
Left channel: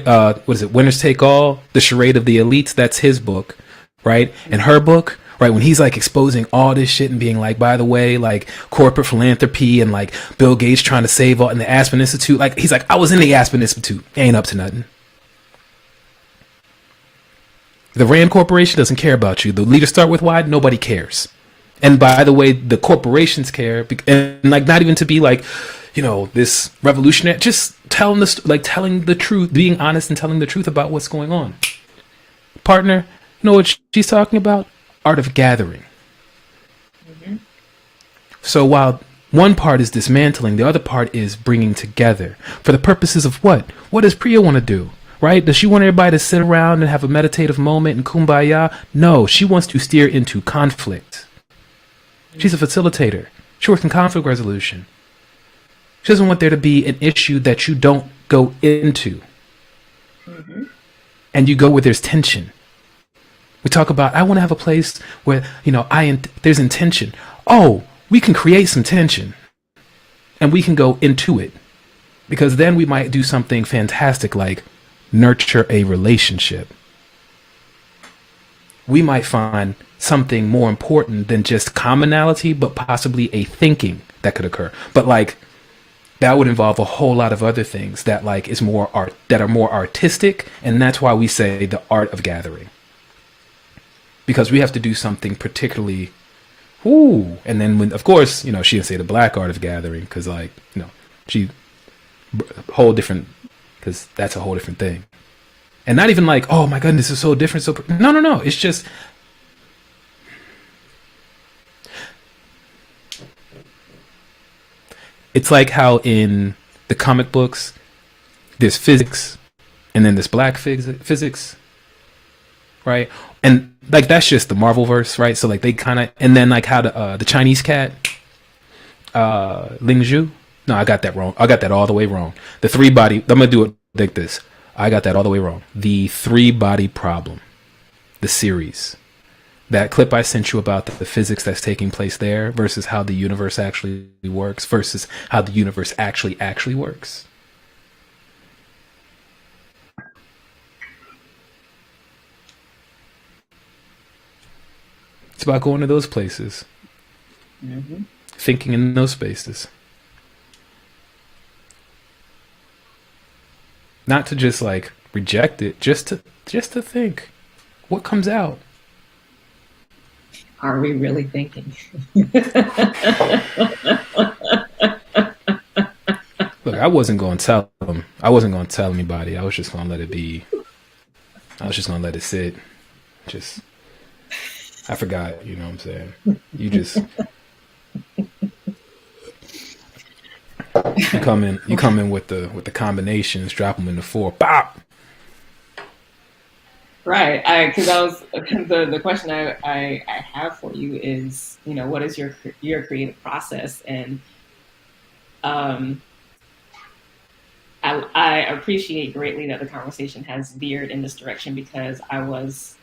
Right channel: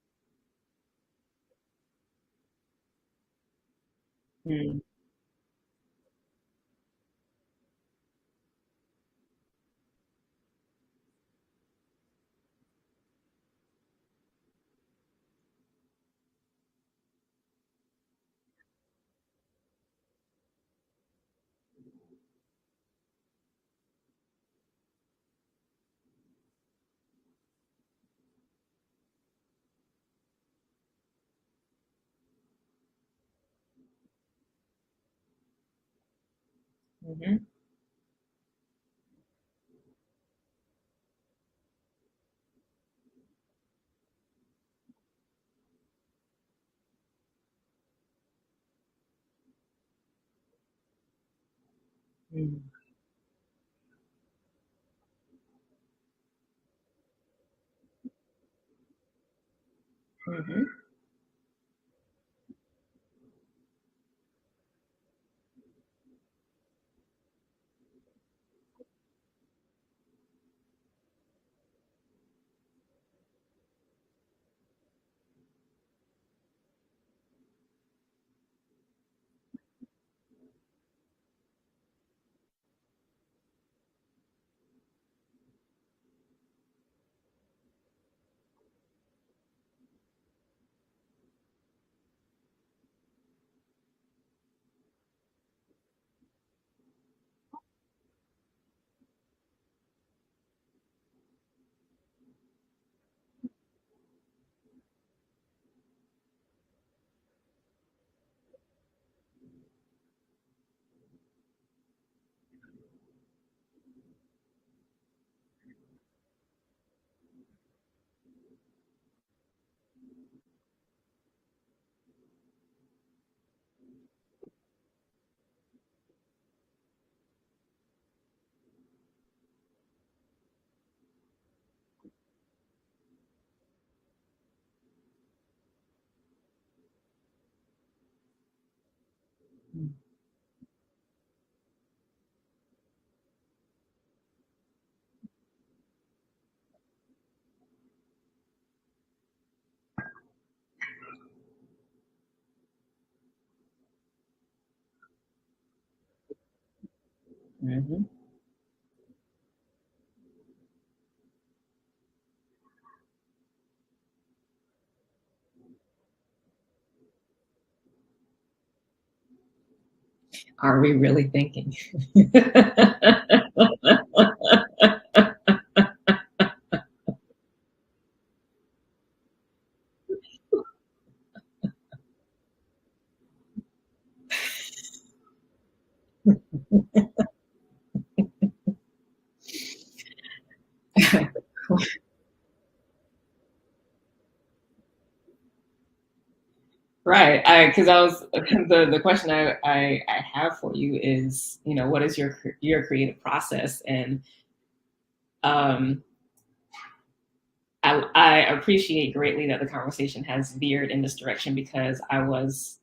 is it? Winners Take All, The Charade of the Elites. That's his book, right? And her book, right? When he's like exposing all this shit and being like, by the way, like corporate philanthropy and like Bill Gates trying to save all in the Aspen Institute, like he's like, I was in the Aspen Institute, ain't up to nothing. The Rand Corporation doesn't care about you. The leaders start with why nobody cares. And by the way, the corporations care, and like not even to be like, this revolutionary. Just telling the truth, being honest and telling the truth about what's going on. Partner, you know what she's talking about? Art of gathering. So while one part is dismantling, the other part is bringing together for the purposes of what? What does Priya want to do? Right? Does she want everybody to sit around and have a meditative moment and kumbaya? No, she wants to steer into conflict. She's a facilitator. She works in conflict resolution. She doesn't want there to be an issue that you don't go into. And you go where there's tension. We talk about, I want to have a place where, there's intention. Oh, we can create some tension. And we can go into it. Because then we might do something fantastic like nurture a relationship. We might find something more important than just commonality, but possibly a thinking that could occur. But like that would involve a whole lot of other things that like is more art, that are more artistic, and that's why we say the art of gathering. because we have to do something particularly. Ooh, and then when, of course, she didn't say the black art of gathering because, like, she whole different, because that's a whole different thing, and not even like, oh my goodness, this is so different. So no, no, no. It's just it's like how in the comic books there's physics, and then there's black physics, right? And like that's just the Marvel verse, right? So like they kind of, and then like how the Chinese cat, Ling Zhu. No, I got that wrong. I got that all the way wrong. The three body. I'm gonna do it like this. I got that all the way wrong. The three body problem, the series, that clip I sent you about the physics that's taking place there versus how the universe actually works versus how the universe actually works. It's about going to those places, thinking in those spaces. Not to just like reject it, just to think what comes out. Are we really thinking? Look, I wasn't going to tell them. I wasn't going to tell anybody. I was just going to let it be. I was just going to let it sit. Just, I forgot. You know what I'm saying? You just you come in with the combinations, drop them in the four, pop. Right. Because I was the question I have for you is, what is your creative process? And I appreciate greatly that the conversation has veered in this direction because I was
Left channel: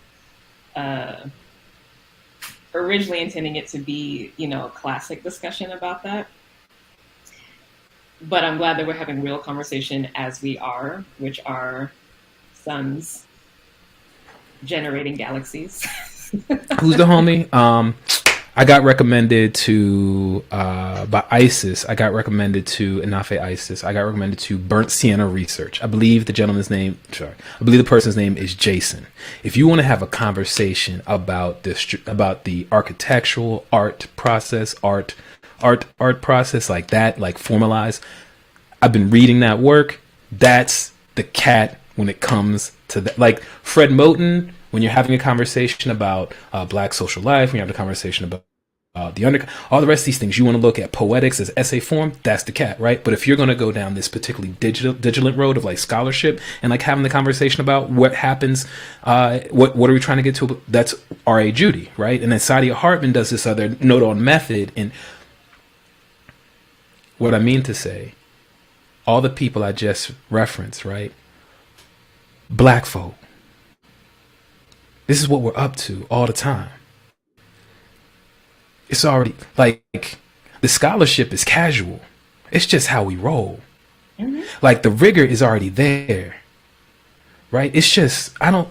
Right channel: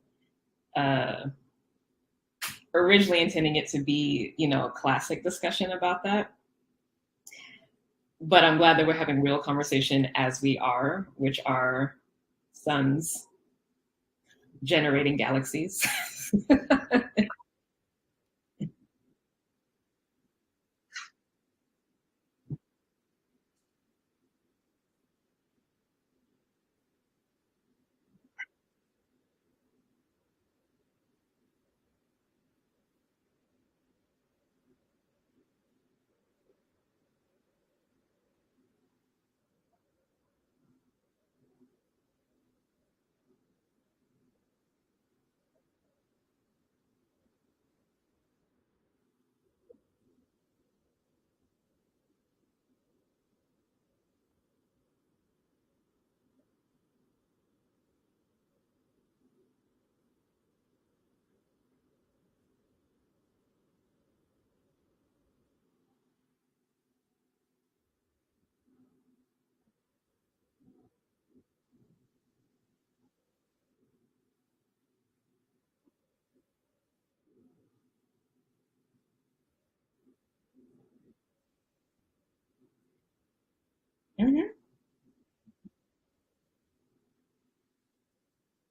originally intending it to be, a classic discussion about that. But I'm glad that we're having real conversation as we are, which are suns generating galaxies. Who's the homie? I got recommended to by ISIS. I got recommended to Inafe ISIS. I got recommended to Burnt Sienna Research. I believe the person's name is Jason. If you want to have a conversation about this, about the architectural art process, art process like that, like formalized. I've been reading that work. That's the cat when it comes to that. Like Fred Moten, when you're having a conversation about Black social life, when you're having a conversation about all the rest of these things, you want to look at poetics as essay form. That's the cat, right? But if you're going to go down this particularly digital road of like scholarship and like having the conversation about what happens, what are we trying to get to? That's R.A. Judy, right? And then Saadia Hartman does this other note on method. And what I mean to say, all the people I just referenced, right? Black folk. This is what we're up to all the time. It's already like the scholarship is casual. It's just how we roll. Mm-hmm. Like the rigor is already there, right? It's just So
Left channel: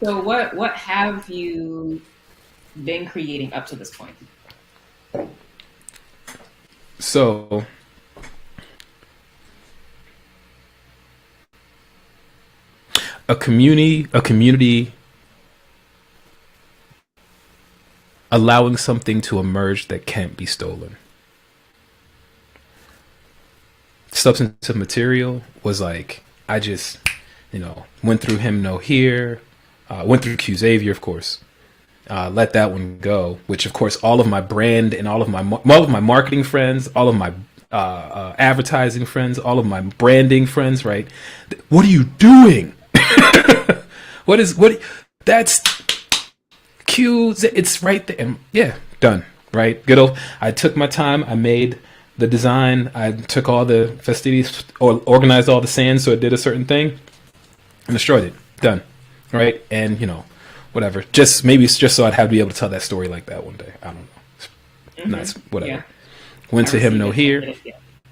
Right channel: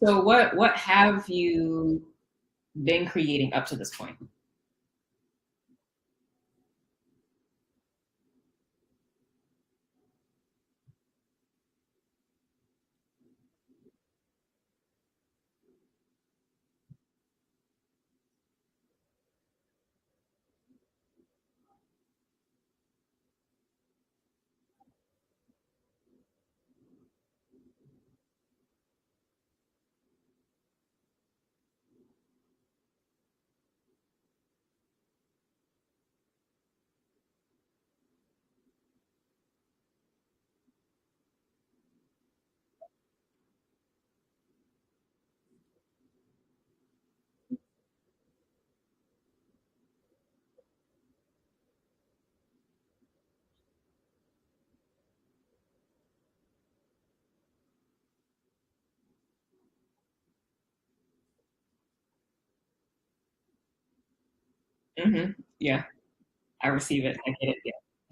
what have you been creating up to this point? So a community allowing something to emerge that can't be stolen. Substantive material was like, I just, went through Him No Here, went through Q Xavier, of course. Let that one go, which of course all of my brand and all of my marketing friends, all of my advertising friends, all of my branding friends, right? What are you doing? That's Q. It's right there. And yeah, done. Right. Good old. I took my time. I made the design. I took all the festivities or organized all the sand so it did a certain thing and destroyed it. Done. Right. And whatever. Maybe it's just so I'd have to be able to tell that story like that one day. I don't know. Mm-hmm. That's whatever. Yeah. Went to Him No Here.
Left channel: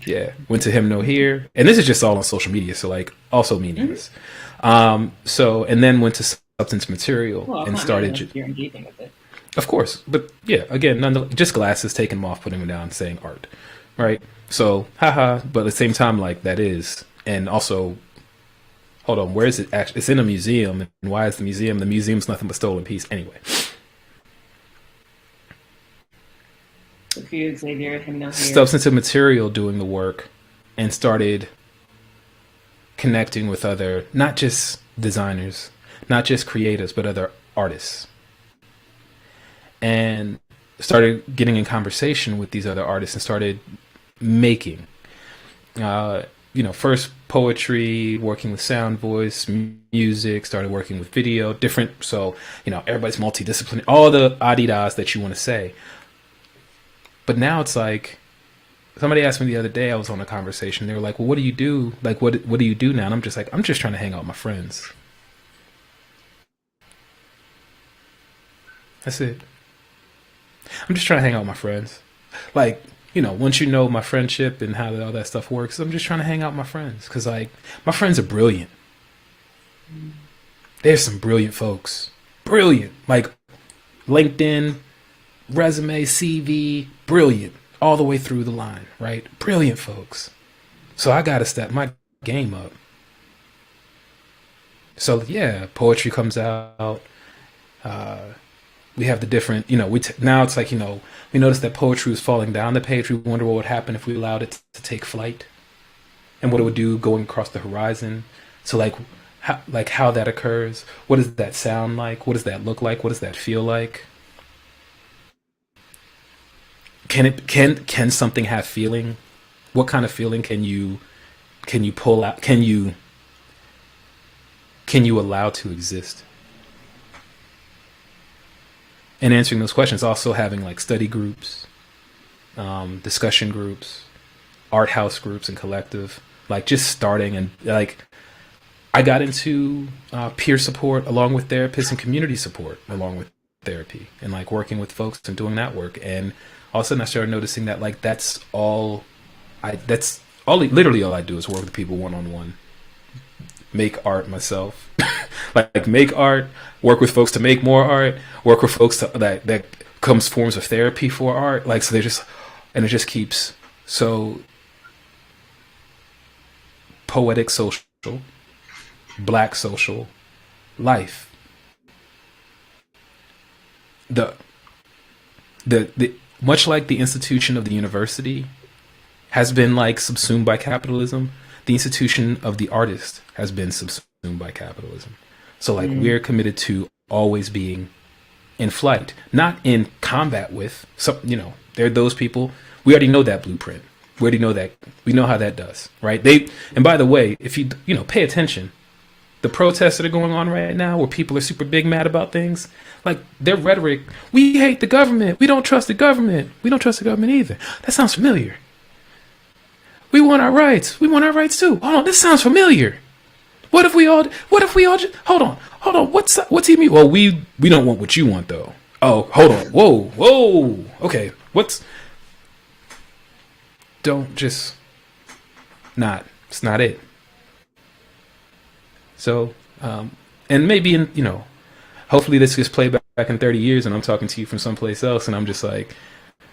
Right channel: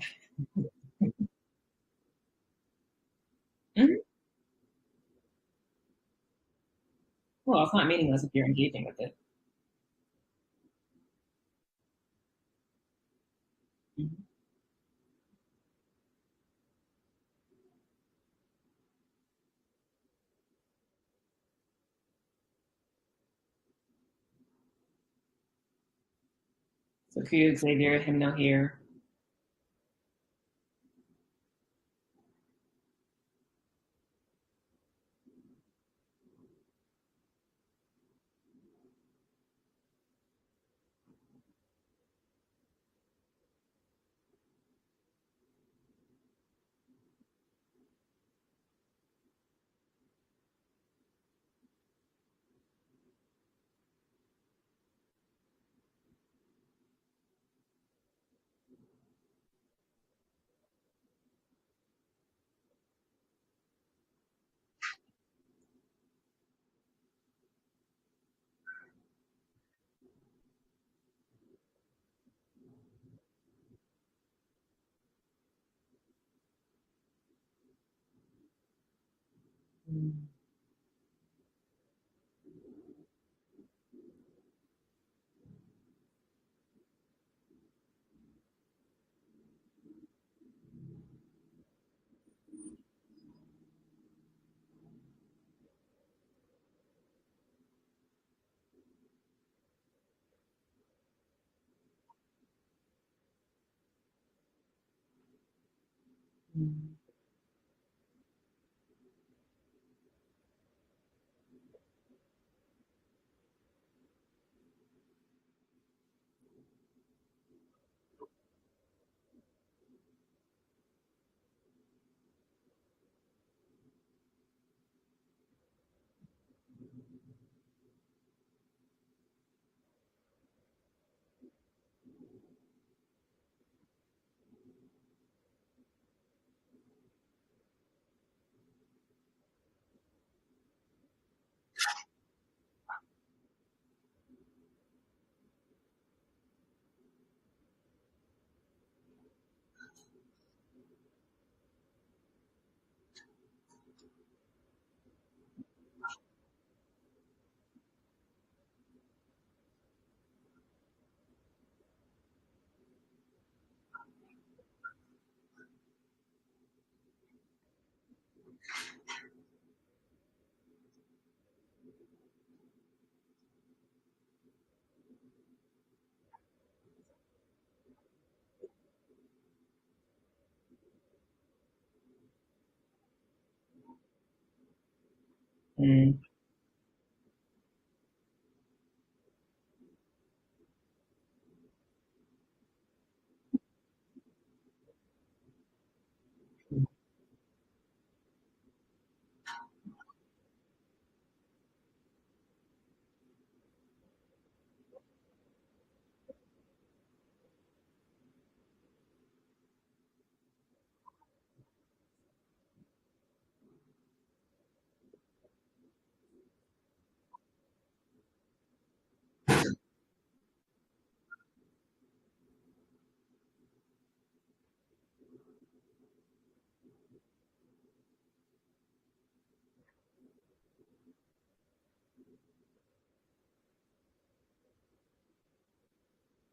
Yeah. Went to Him No Here. And this is just all on social media. So like also meaningless. So, and then went to Substance Material and started. You're engaging with it. Of course. But yeah, again, just glasses, taking them off, putting them down, saying art. Right. So, haha. But at the same time, like that is. And also, hold on, where is it actually? It's in a museum. And why is the museum? The museum's nothing but stolen piece. Anyway, So Q Xavier, him no here. substantive material doing the work and started connecting with other, not just designers, not just creatives, but other artists. And started getting in conversation with these other artists and started making, first poetry, working with sound, voice, music, started working with video, different. So, everybody's multidisciplinary, all the adidas that you want to say. But now it's like, somebody asked me the other day, I was on a conversation. They were like, well, what do you do? Like, what do you do now? And I'm just like, I'm just trying to hang out with my friends. That's it. I'm just trying to hang out with my friends. Like, once you know my friendship and how all that stuff works, I'm just trying to hang out with my friends. Because, like, my friends are brilliant. There's some brilliant folks. Brilliant. Like, LinkedIn, resume, CV, brilliant. All the way through the line, right? Brilliant folks. So I got to step my game up. So, yeah, poetry comes out. We have the different, now it's like, we noticed that poetry was falling down the page. We wonder what would happen if we allowed it to take flight and what it would do going across the horizon. So how that occurs. What does that sound like? What does that look like? What does that feel like? Can something have feeling? What kind of feeling can you pull out? Can you allow to exist? And answering those questions, also having like study groups, discussion groups, art house groups, and collective, like just starting. And like I got into peer support along with therapists and community support along with therapy, and like working with folks and doing that work. And all of a sudden I started noticing that like literally all I do is work with people one-on-one, make art myself, like make art, work with folks to make more art, work with folks that comes forms of therapy for art. Like, so and it just keeps, so poetic social, black social life. The much like the institution of the university has been like subsumed by capitalism, the institution of the artist has been subsumed by capitalism. So like we're committed to always being in flight, not in combat with some, there are those people. We already know that blueprint. We already know that. We know how that does, right? And by the way, if you pay attention, the protests that are going on right now where people are super big mad about things, like their rhetoric, we hate the government. We don't trust the government. We don't trust the government either. That sounds familiar. We want our rights. We want our rights too. Hold on, this sounds familiar. What if we all just, hold on. What's he mean? Well, we don't want what you want though. Oh, hold on. Whoa. Okay. Don't just it's not it. So, and maybe hopefully this gets played back in 30 years and I'm talking to you from someplace else and I'm just like,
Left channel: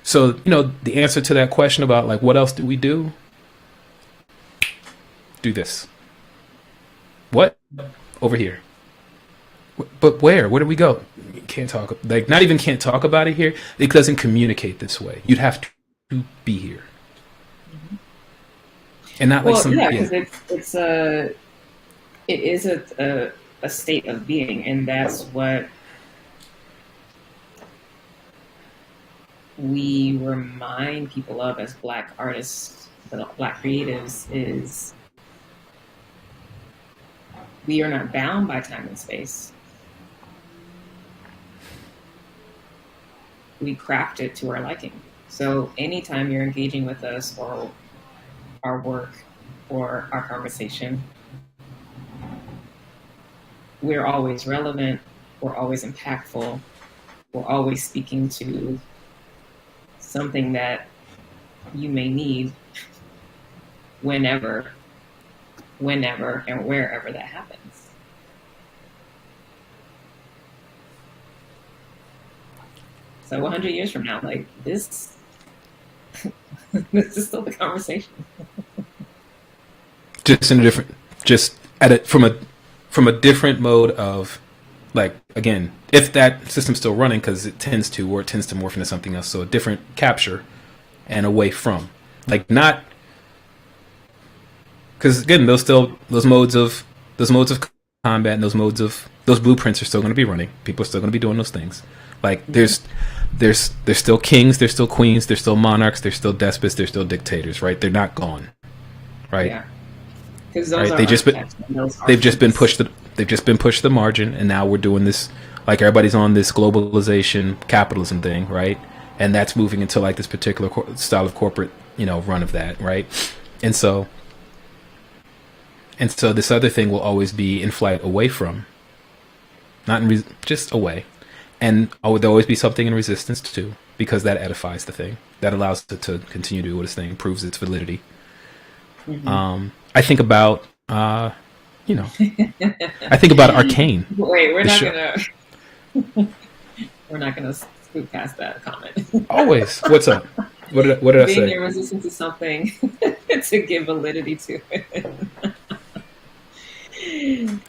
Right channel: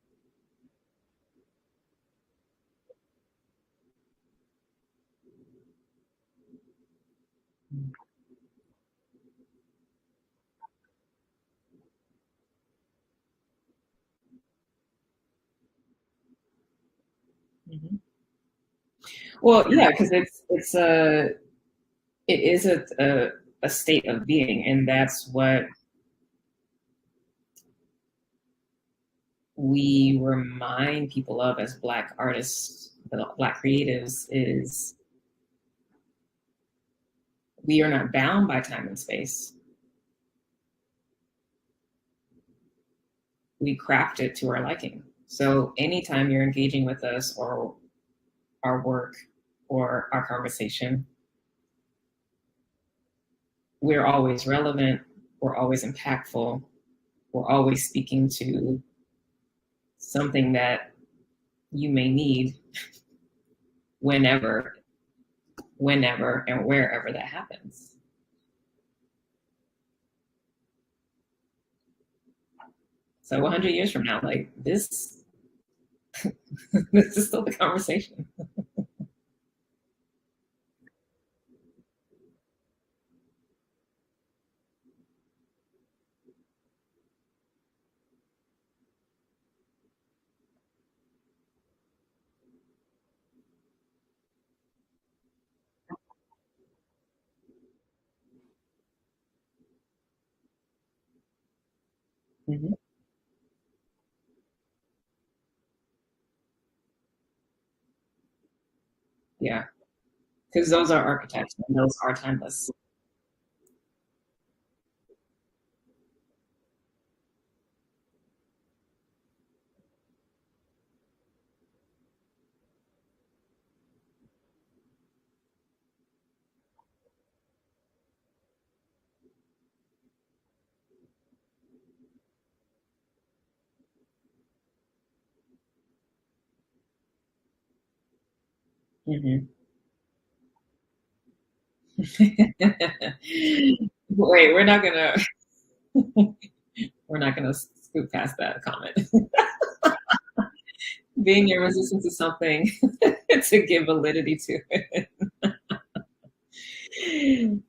so, the answer to that question about like, what else do we do? Do this. What? Over here. But where? Where do we go? Can't talk. Like, not even can't talk about it here. It doesn't communicate this way. You'd have to be here. Mm-hmm. And not well, like some, yeah, because it is a state of being, and that's what we remind people of as Black artists, Black creatives, is we are not bound by time and space. We craft it to our liking. So anytime you're engaging with us or our work or our conversation, we're always relevant, we're always impactful, we're always speaking to something that you may need whenever and wherever that happens. So 100 years from now, like this, this is still the conversation. just in a different, just at it from a different mode of, like, again, if that system's still running, because it tends to, or it tends to morph into something else, so a different capture and away from, like, not, because again, those modes of combat and those blueprints are still going to be running. People are still going to be doing those things. Like, there's still kings, there's still queens, there's still monarchs, there's still despots, there's still dictators, right? They're not gone, right? Yeah, because those right? are They've just been pushed to the margin, and now we're doing this, like, everybody's on this globalization capitalism thing, right? And that's moving into, like, this particular style of corporate, run of that, right? And so this other thing will always be in flight away from, not in just away. And there'll always be something in resistance too, because that edifies the thing. That allows it to continue to do what its thing, proves its validity. Mm-hmm. I think about, I think about Arcane. Wait, we're not gonna scoot past that comment. Always. What's up? What did I say? Being resistant to something to give validity to it.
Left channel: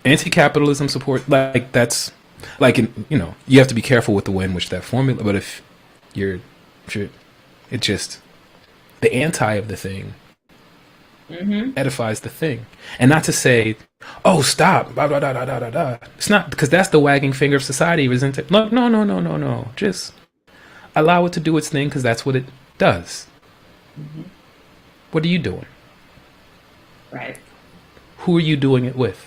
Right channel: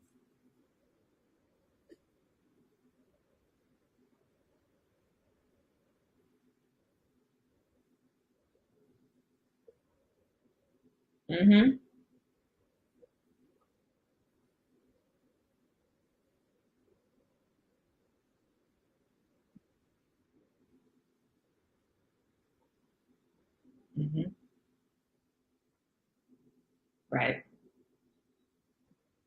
Anti-capitalism support, like, that's, like, you have to be careful with the way in which that formula, but if you're it just, the anti of the thing edifies the thing. And not to say, oh, stop, blah, blah, blah, blah, blah, blah. It's not, because that's the wagging finger of society, isn't it? No. Just allow it to do its thing, because that's what it does. Mm-hmm. What are you doing? Right. Who are you doing it with?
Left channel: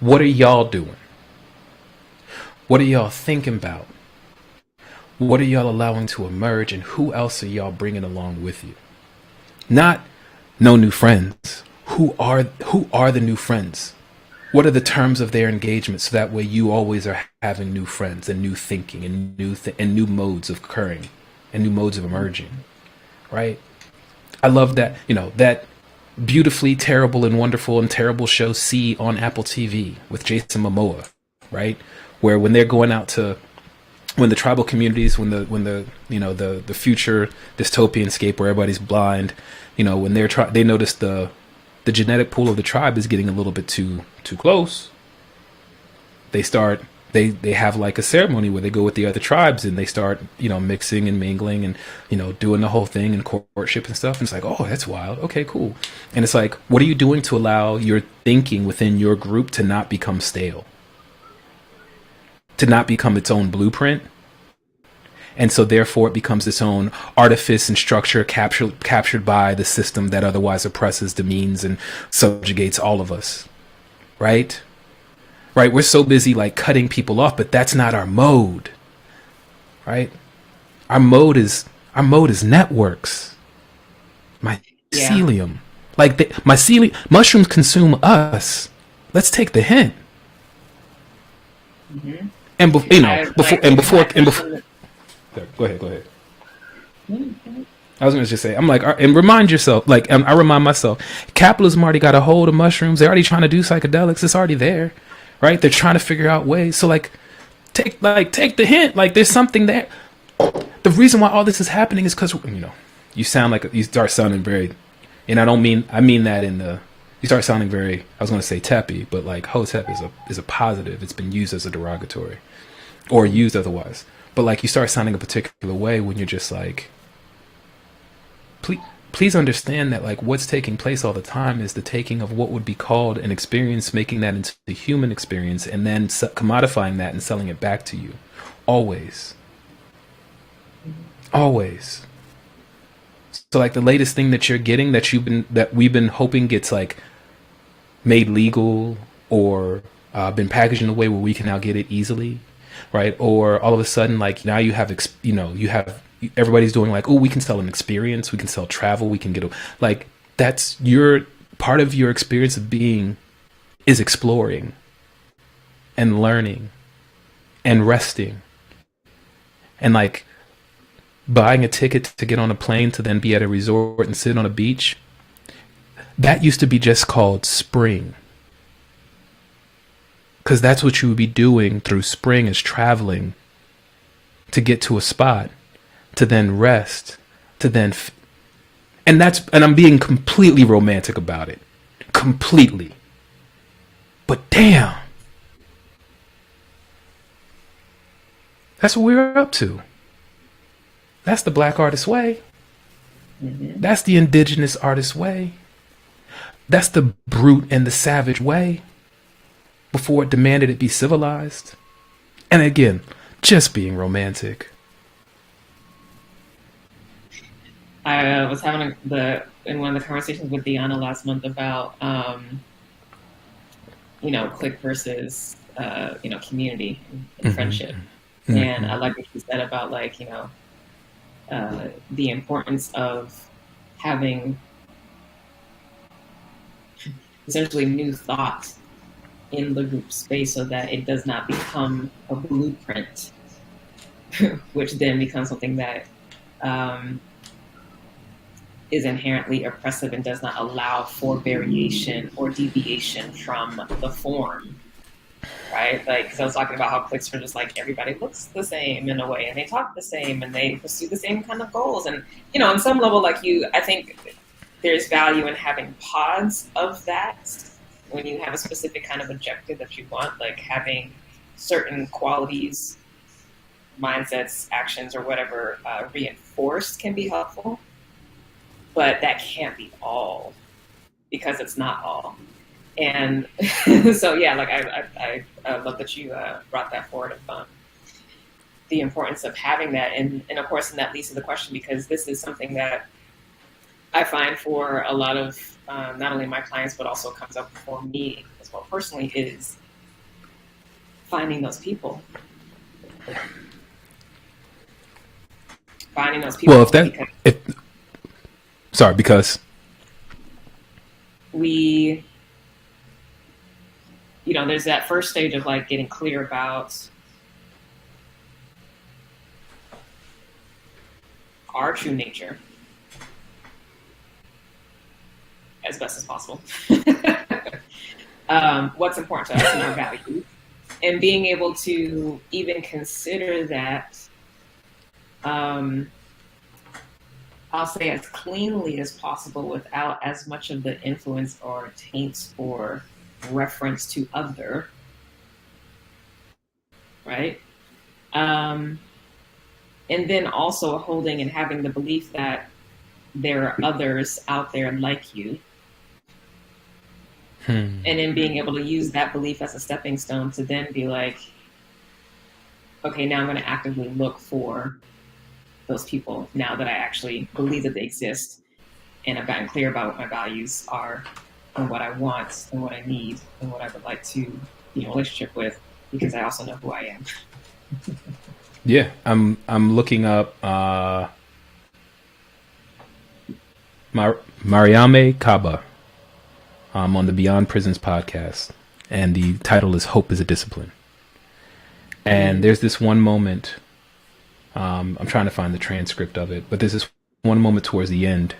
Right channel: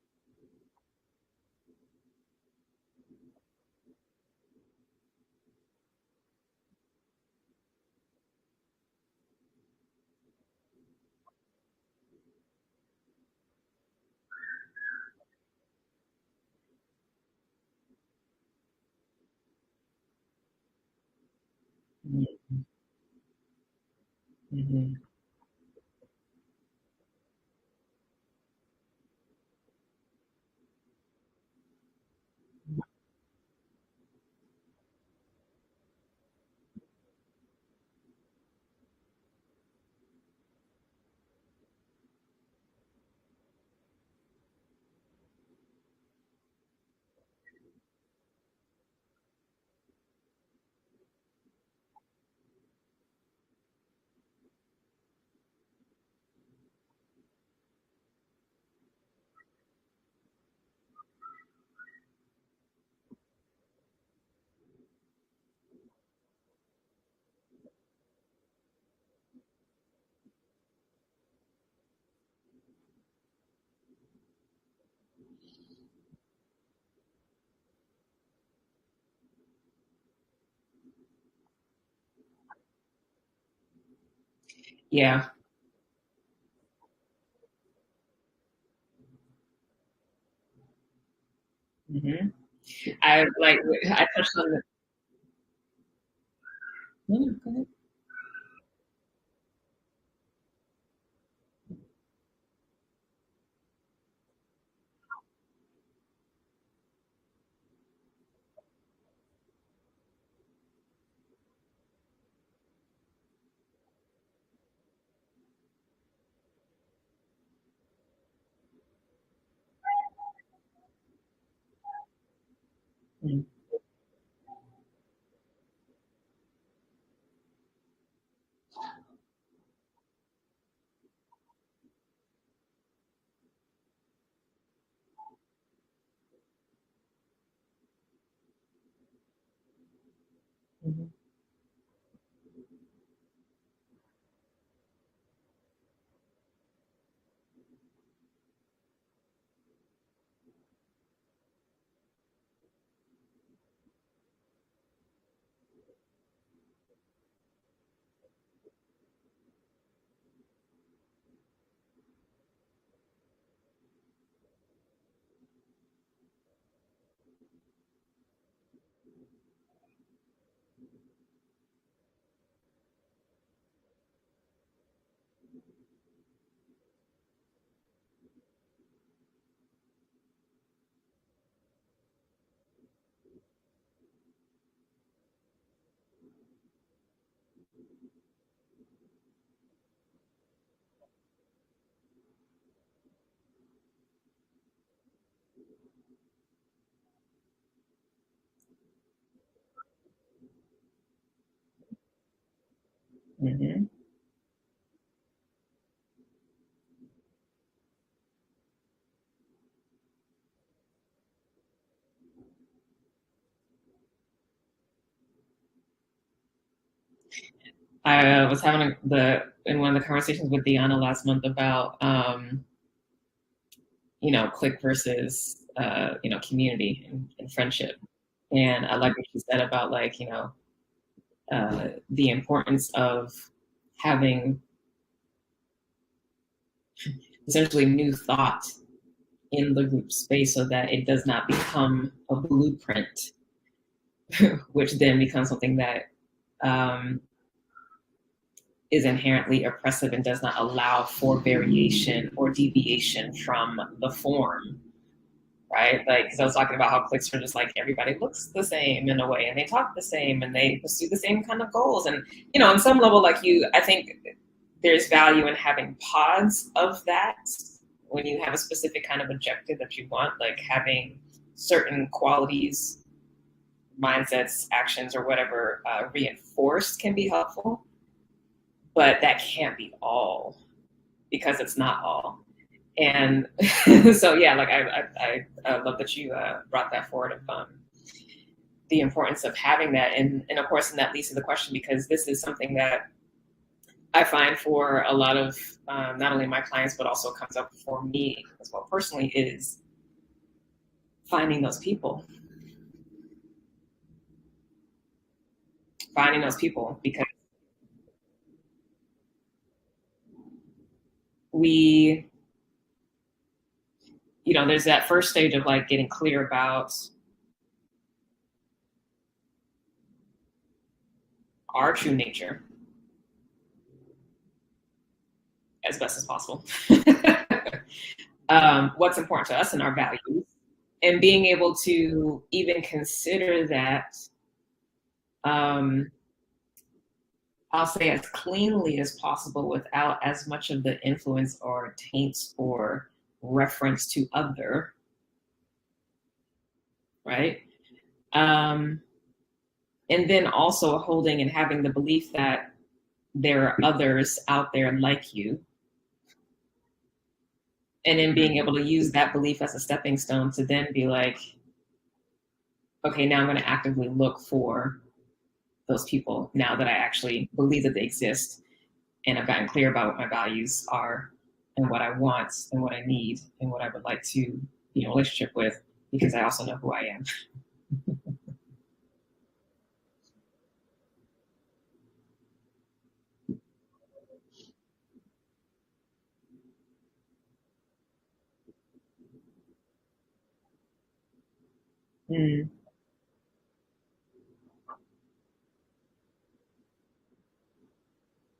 What are y'all doing? What are y'all thinking about? What are y'all allowing to emerge, and who else are y'all bringing along with you? Not no new friends. Who are the new friends? What are the terms of their engagement, so that way you always are having new friends and new thinking and new modes of occurring and new modes of emerging, right? I love that, that beautifully terrible and wonderful and terrible show C on Apple TV with Jason Momoa, right? Where when they're going out to, when the tribal communities, when the future dystopian scape where everybody's blind, when they notice the genetic pool of the tribe is getting a little bit too close, they have like a ceremony where they go with the other tribes and they start, mixing and mingling and, doing the whole thing and courtship and stuff. And it's like, oh, that's wild. Okay, cool. And it's like, what are you doing to allow your thinking within your group to not become stale? To not become its own blueprint? And so therefore it becomes its own artifice and structure captured by the system that otherwise oppresses, demeans, and subjugates all of us. Right? Right? We're so busy like cutting people off, but that's not our mode. Right? Our mode is networks. Mycelium. Like mycelium, mushrooms consume us. Let's take the hint. Mm-hmm. And before go ahead. I was going to just say, I'm like, and remind yourself, like, I remind myself, capitalism already got a hold of mushrooms. They're already trying to do psychedelics. It's already there, right? They're trying to figure out ways. So like, take the hint. Like, there's something there. The reason why all this is happening is because, you sound like, you start sounding very, and I mean that in the, you start sounding very, I was going to say teppy, but like hotep is a positive. It's been used as a derogatory or used otherwise. But like, you start sounding a particular way when you're just like, please understand that like what's taking place all the time is the taking of what would be called an experience, making that into a human experience, and then commodifying that and selling it back to you. Always. Always. So like the latest thing that you're getting that we've been hoping gets like made legal or been packaged in a way where we can now get it easily, right? Or all of a sudden, like now you have everybody's doing like, oh, we can sell an experience, we can sell travel, we can get like, that's your part of your experience of being is exploring and learning and resting and like buying a ticket to get on a plane to then be at a resort and sit on a beach. That used to be just called spring. Because that's what you would be doing through spring, is traveling to get to a spot, to then rest, to then... And I'm being completely romantic about it. Completely. But damn, that's what we're up to. That's the black artist way. Mm-hmm. That's the indigenous artist way. That's the brute and the savage way before it demanded it be civilized. And again, just being romantic. I was having in one of the conversations with Deanna last month about, clique versus, community and Mm-hmm. friendship. Mm-hmm. And I like what you said about the importance of having essentially new thought in the group space so that it does not become a blueprint, which then becomes something that is inherently oppressive and does not allow for variation or deviation from the form, right? Like, because I was talking about how cliques are just like everybody looks the same in a way, and they talk the same, and they pursue the same kind of goals, and on some level, I think there's value in having pods of that when you have a specific kind of objective that you want, like having certain qualities, mindsets, actions, or whatever reinforced can be helpful. But that can't be all, because it's not all. And so, yeah, I love that you brought that forward of the importance of having that. And of course, and that leads to the question, because this is something that I find for a lot of not only my clients, but also comes up for me as well personally, is finding those people. Finding those people. Well, because we, there's that first stage of like getting clear about our true nature as best as possible. What's important to us and our values, and being able to even consider that, I'll say as cleanly as possible without as much of the influence or taints or reference to other, right? And then also holding and having the belief that there are others out there like you. And then being able to use that belief as a stepping stone to then be like, okay, now I'm going to actively look for those people now that I actually believe that they exist, and I've gotten clear about what my values are and what I want and what I need and what I would like to be in a relationship with, because I also know who I am. Yeah, I'm looking up Mariame Kaba on the Beyond Prisons podcast, and the title is "Hope is a Discipline." And there's this one moment. I'm trying to find the transcript of it, but there's this one moment towards the end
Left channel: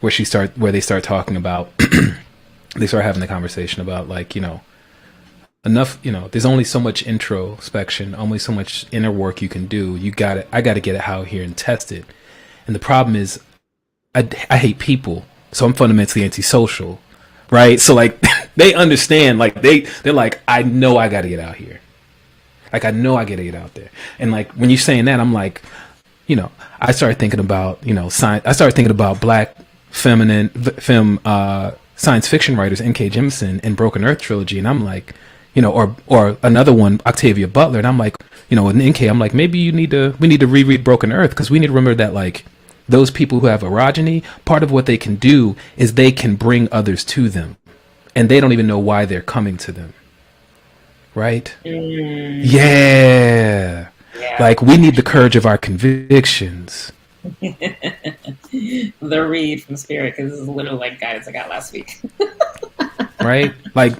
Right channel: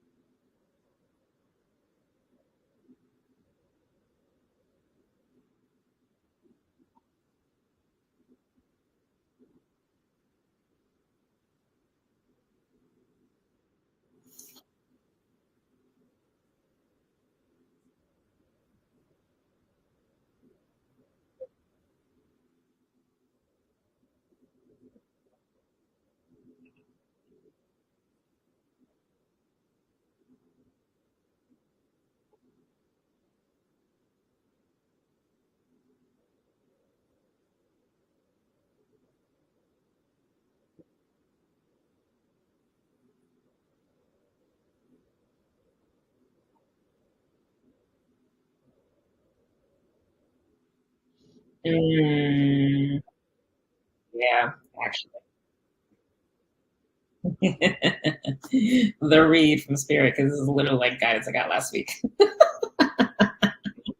where they start talking about, they start having the conversation about enough, there's only so much introspection, only so much inner work you can do. I got to get it out here and test it. And the problem is I hate people. So I'm fundamentally antisocial, right? So they understand, they're like, I know I got to get out here. I know I gotta get out there. And when you're saying that, I'm like, I started thinking about, science. I started thinking about black feminine science fiction writers, N.K. Jemisin and Broken Earth trilogy. And I'm like, or another one, Octavia Butler. And I'm like, with N.K., I'm like, maybe we need to reread Broken Earth, because we need to remember that those people who have erogyny, part of what they can do is they can bring others to them, and they don't even know why they're coming to them. Right? Yeah. We need the courage of our convictions. The read from Spirit, because this is literally guidance I got last week. Right?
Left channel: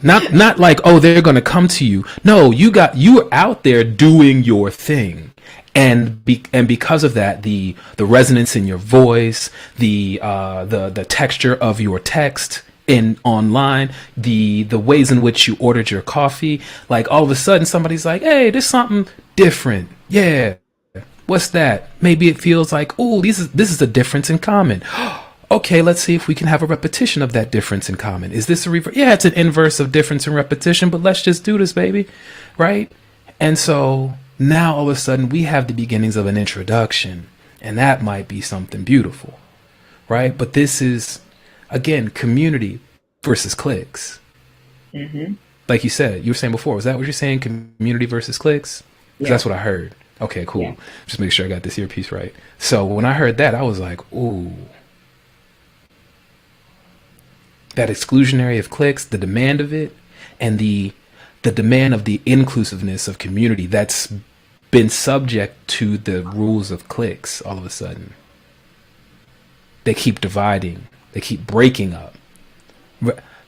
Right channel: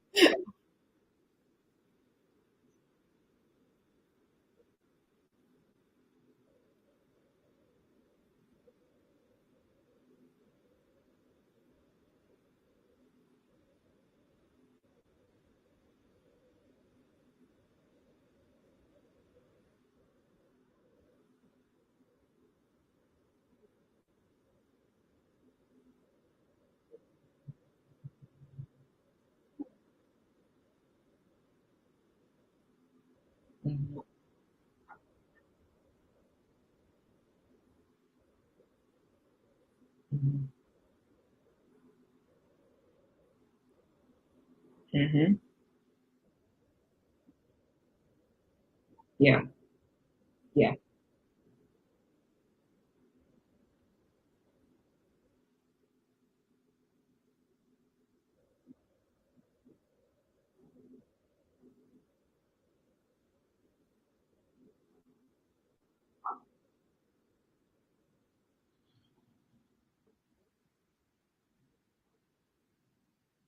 Not oh, they're gonna come to you. No, you're out there doing your thing. And because of that, the resonance in your voice, the texture of your text online, the ways in which you ordered your coffee, all of a sudden somebody's like, hey, there's something different. Yeah, what's that? Maybe it feels like, oh, this is a difference in common. Okay, let's see if we can have a repetition of that difference in common. Is this a reverse? Yeah, it's an inverse of difference and repetition, but let's just do this, baby. Right? And so now all of a sudden we have the beginnings of an introduction, and that might be something beautiful. Right? But this is, again, community versus cliques. Mm-hmm. Like you said, you were saying before, was that what you're saying? Community versus cliques? 'Cause Yeah. that's what I heard. Okay, cool. Yeah. Just make sure I got this earpiece right. So when I heard that, I was like, ooh, that exclusionary of cliques, the demand of it, and the demand of the inclusiveness of community that's been subject to the rules of cliques all of a sudden. They keep dividing. They keep breaking up.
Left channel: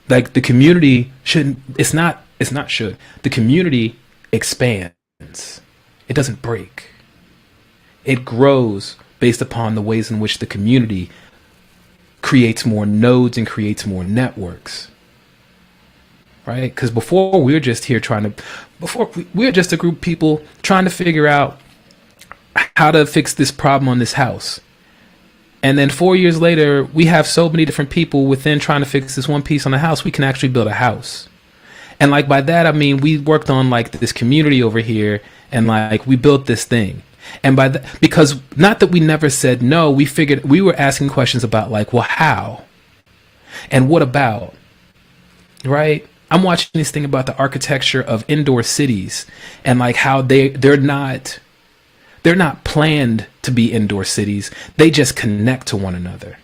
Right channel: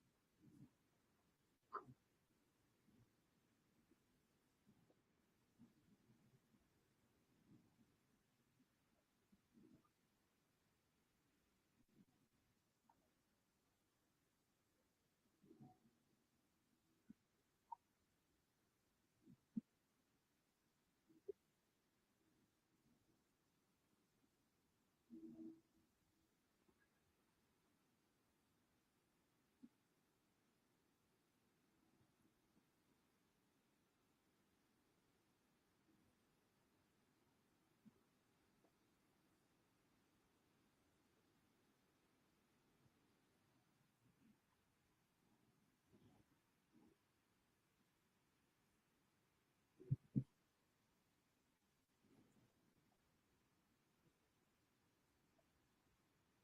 Like the community shouldn't, it's not should. The community expands. It doesn't break. It grows based upon the ways in which the community creates more nodes and creates more networks. Right? Because before we were just here we were just a group of people trying to figure out how to fix this problem on this house. And then 4 years later, we have so many different people within trying to fix this one piece on the house, we can actually build a house. And like by that, I mean, we worked on like this community over here and like we built this thing. And by that, because not that we never said no, we figured we were asking questions about like, well, how? And what about? Right? I'm watching this thing about the architecture of indoor cities and like how they're not planned to be indoor cities. They just connect to one another.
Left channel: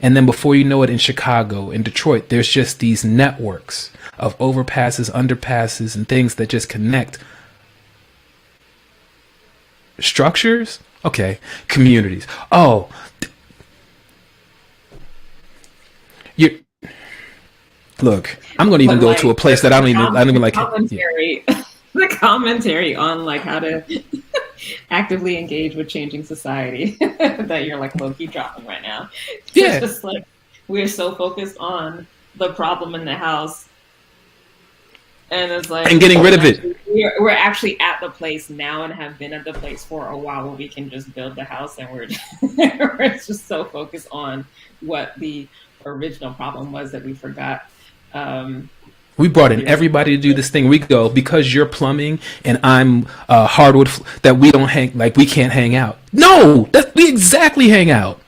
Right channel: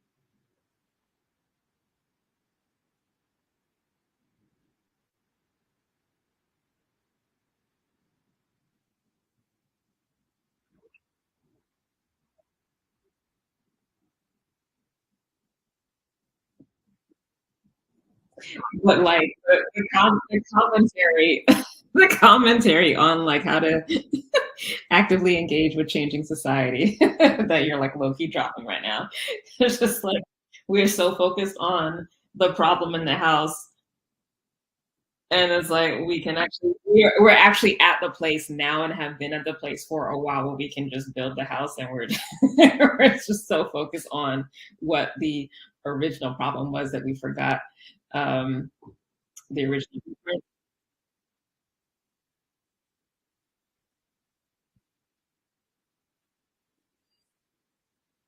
And then before you know it, in Chicago, in Detroit, there's just these networks of overpasses, underpasses, and things that just connect. Structures? Okay. Communities. Oh. You look, I'm going to even go to a place that I don't even like. Commentary, the commentary on like how to actively engage with changing society that you're like low-key dropping right now. Yeah. It's just like we're so focused on the problem in the house, and it's like and getting rid of it. We're actually at the place now and have been at the place for a while where we can just build the house, and we're just so focused on what the original problem was that we forgot. We brought in everybody to do this thing. We go, because you're plumbing and I'm hardwood, that we don't hang, like we can't hang out. No, we exactly hang out.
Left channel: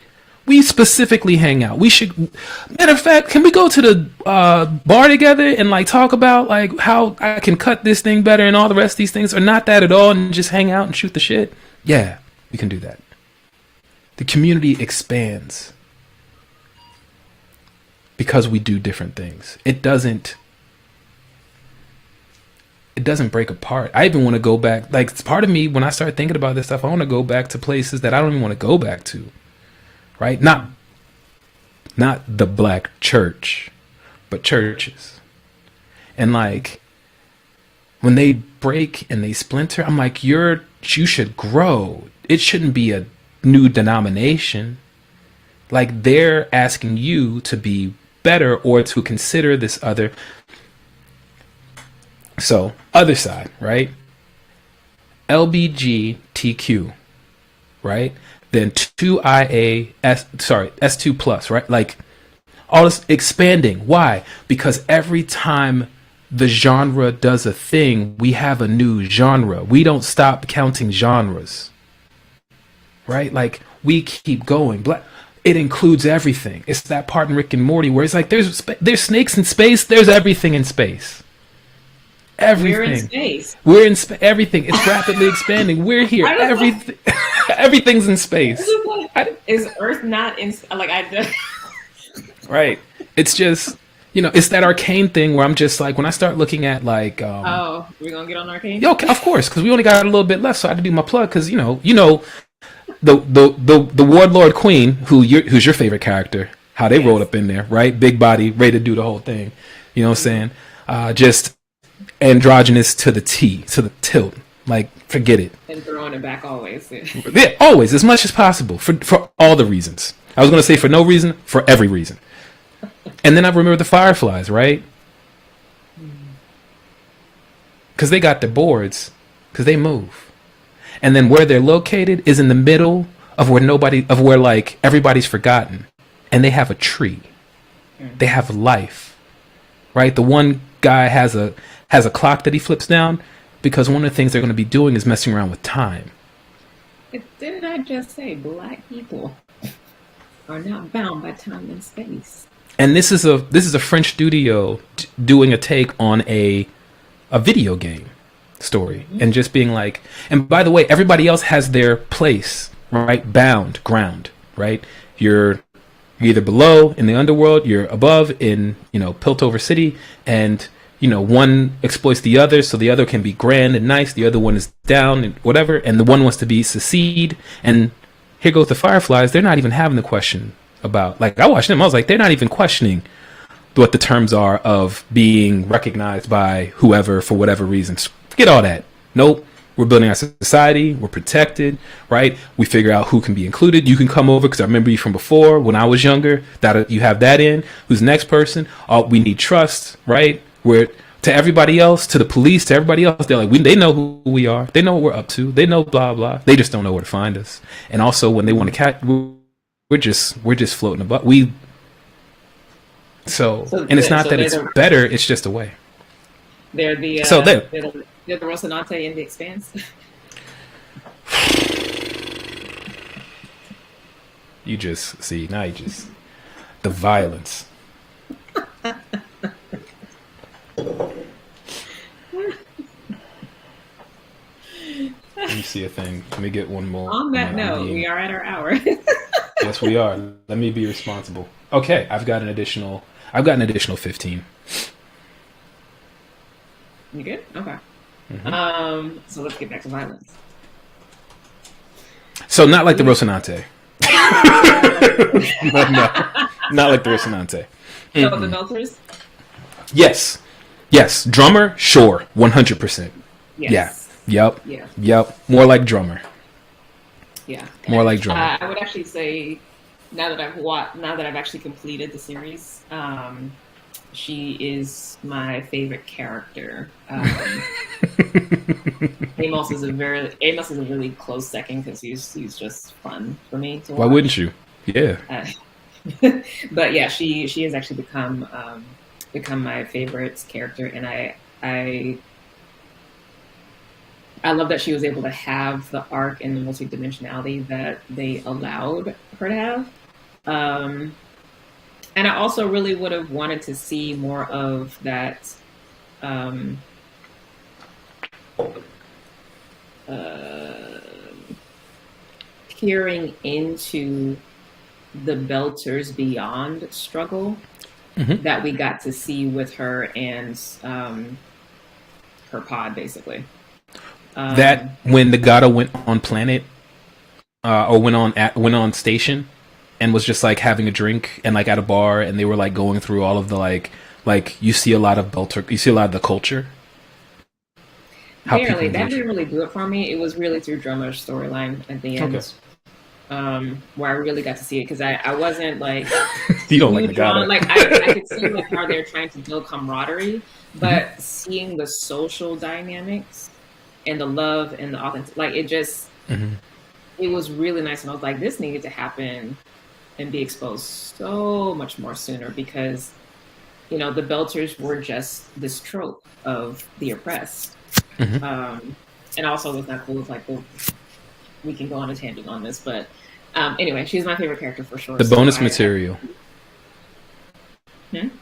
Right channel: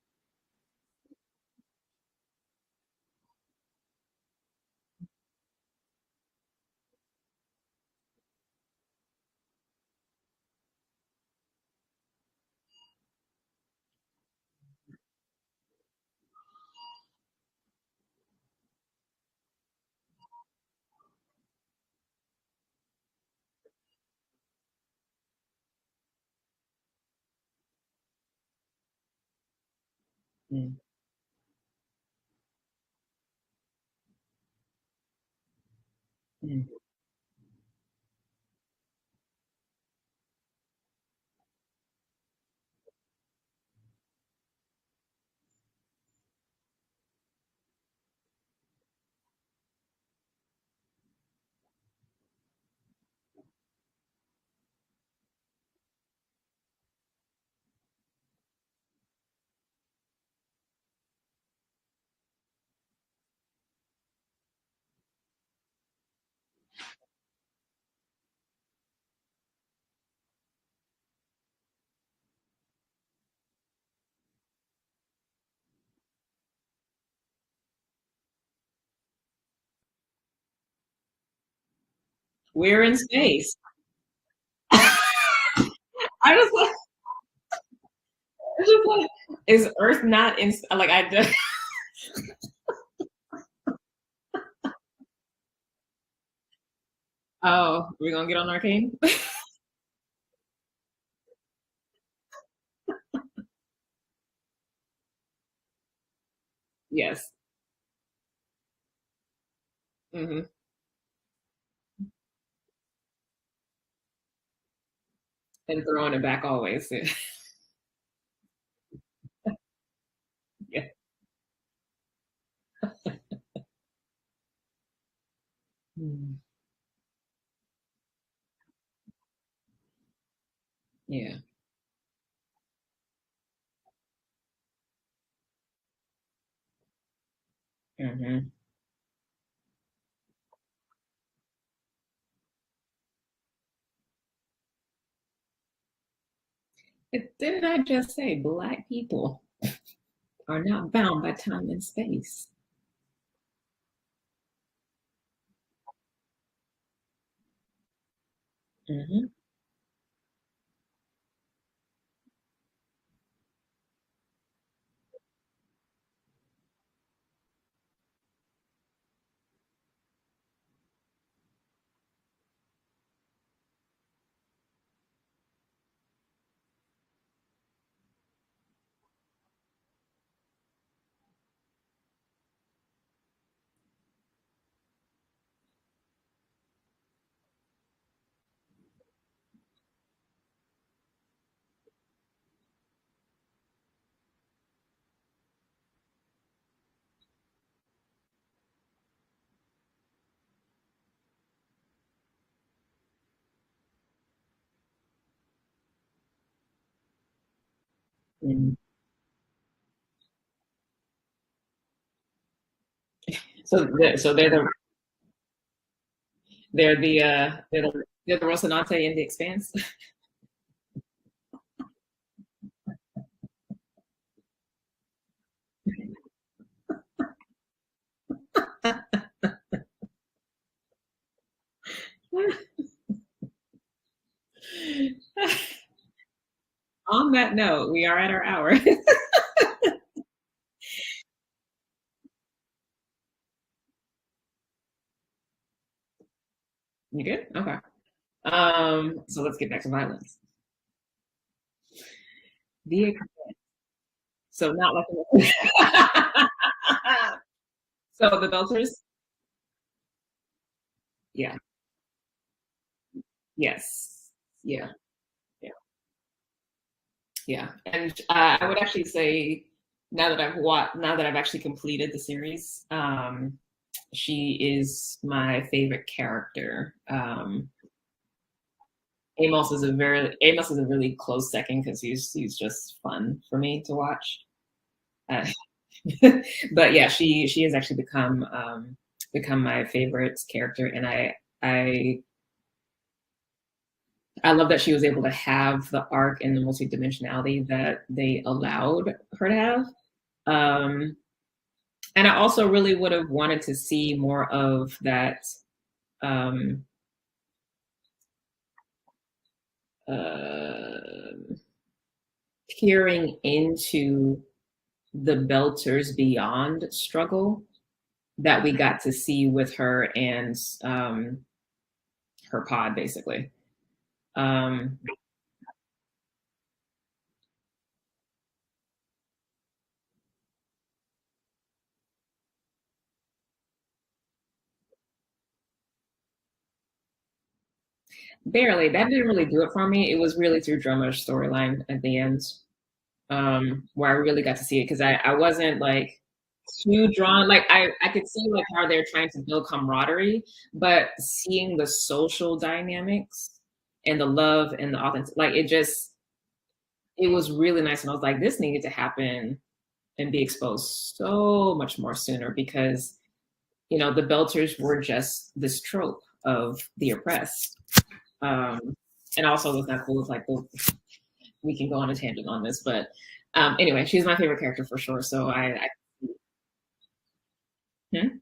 We specifically hang out. We should, matter of fact, can we go to the bar together and like talk about like how I can cut this thing better and all the rest of these things, or not that at all, and just hang out and shoot the shit? Yeah, we can do that. The community expands because we do different things. It doesn't break apart. I even want to go back. Like, it's part of me, when I start thinking about this stuff, I want to go back to places that I don't even want to go back to. Right? Not the black church, but churches. And like, when they break and they splinter, I'm like, you should grow. It shouldn't be a new denomination. Like, they're asking you to be better or to consider this other. So, other side, right? LBGTQ, right? Then S2 plus, right? Like, all this expanding. Why? Because every time the genre does a thing, we have a new genre. We don't stop counting genres, right? Like, we keep going. It includes everything. It's that part in Rick and Morty where it's like, there's snakes in space. There's everything in space. Everything. We're in space. We're in everything. It's rapidly expanding. We're here. Everything. Everything's in space. Is Earth not in? Like I just. Right. It's just, it's that arcane thing where I'm just like, when I start looking at like. Oh, we're gonna get on arcane. Yo, of course, because we only got a little bit left, so I had to do my plug. Because the Warlord Queen, who's your favorite character, how they rolled up in there, right? Big body, ready to do the whole thing. You know what I'm saying? Just androgynous to the tilt. Like, forget it. And throwing it back always. Yeah, always, as much as possible, for all the reasons. I was going to say for no reason, for every reason. And then I remember the Fireflies, right? Because they got their boards, because they move. And then where they're located is in the middle of where like everybody's forgotten. and they have a tree. They Mm-hmm. have life, right? The one guy has a clock that he flips down because one of the things they're going to be doing is messing around with time. Didn't I just say black people are not bound by time and space? And this is a French studio doing a take on a video game story Mm-hmm. and just being like, and by the way, everybody else has their place, right? Bound ground, right? You're either below in the underworld, you're above in, Piltover City, and one exploits the other so the other can be grand and nice, the other one is down and whatever, and the one wants to be secede. And here goes the Fireflies, they're not even having the question about, like, I watched them, I was like, they're not even questioning what the terms are of being recognized by whoever for whatever reasons. Forget all that. Nope. We're building our society. We're protected, right? We figure out who can be included. You can come over because I remember you from before when I was younger. That you have that in. Who's the next person? We need trust, right? We're to everybody else, to the police, to everybody else. They're like, they know who we are. They know what we're up to. They know blah blah. They just don't know where to find us. And also, when they want to catch, we're just floating above. And it's not that it's better. It's just a way. They're the So there. they're the Rocinante in the Expanse. You just see now. You just the violence. Let me see a thing. Let me get one more. On that note, we are at our hour. Yes, we are. Let me be responsible. Okay, I've got an additional 15. You good? Okay. Mm-hmm. So let's get back to violence. So not like the Rocinante. Not like the Rocinante. So the Belters? Yes. Drummer, sure, 100%. Yes. Yeah. Yep. More like drummer. Yeah. More like drummer. I would actually say now that I've actually completed the series, she is my favorite character. Amos is a really close second because he's just fun for me to watch. Why wouldn't you? Yeah. But yeah, she has actually become my favorite character, and I love that she was able to have the arc and the multidimensionality that they allowed her to have. And I also really would have wanted to see more of that peering into the Belters Beyond struggle that we got to see with her and her pod, basically. That when the Gata went on planet or went on station and was just like having a drink and like at a bar, and they were like going through all of the like you see a lot of Belter, you see a lot of the culture. Barely. That didn't really do it for me. It was really through Drummer's storyline at the end. Okay. Where I really got to see it, because I wasn't like you don't like drawn. Like I could see like how they're trying to build camaraderie, but seeing the social dynamics and the love and the authentic, like it just it was really nice. And I was like, this needed to happen and be exposed so much more sooner, because the Belters were just this trope of the oppressed. And also, what's not cool is like, well, we can go on a tangent on this, but anyway, she's my favorite character for sure. The bonus material. The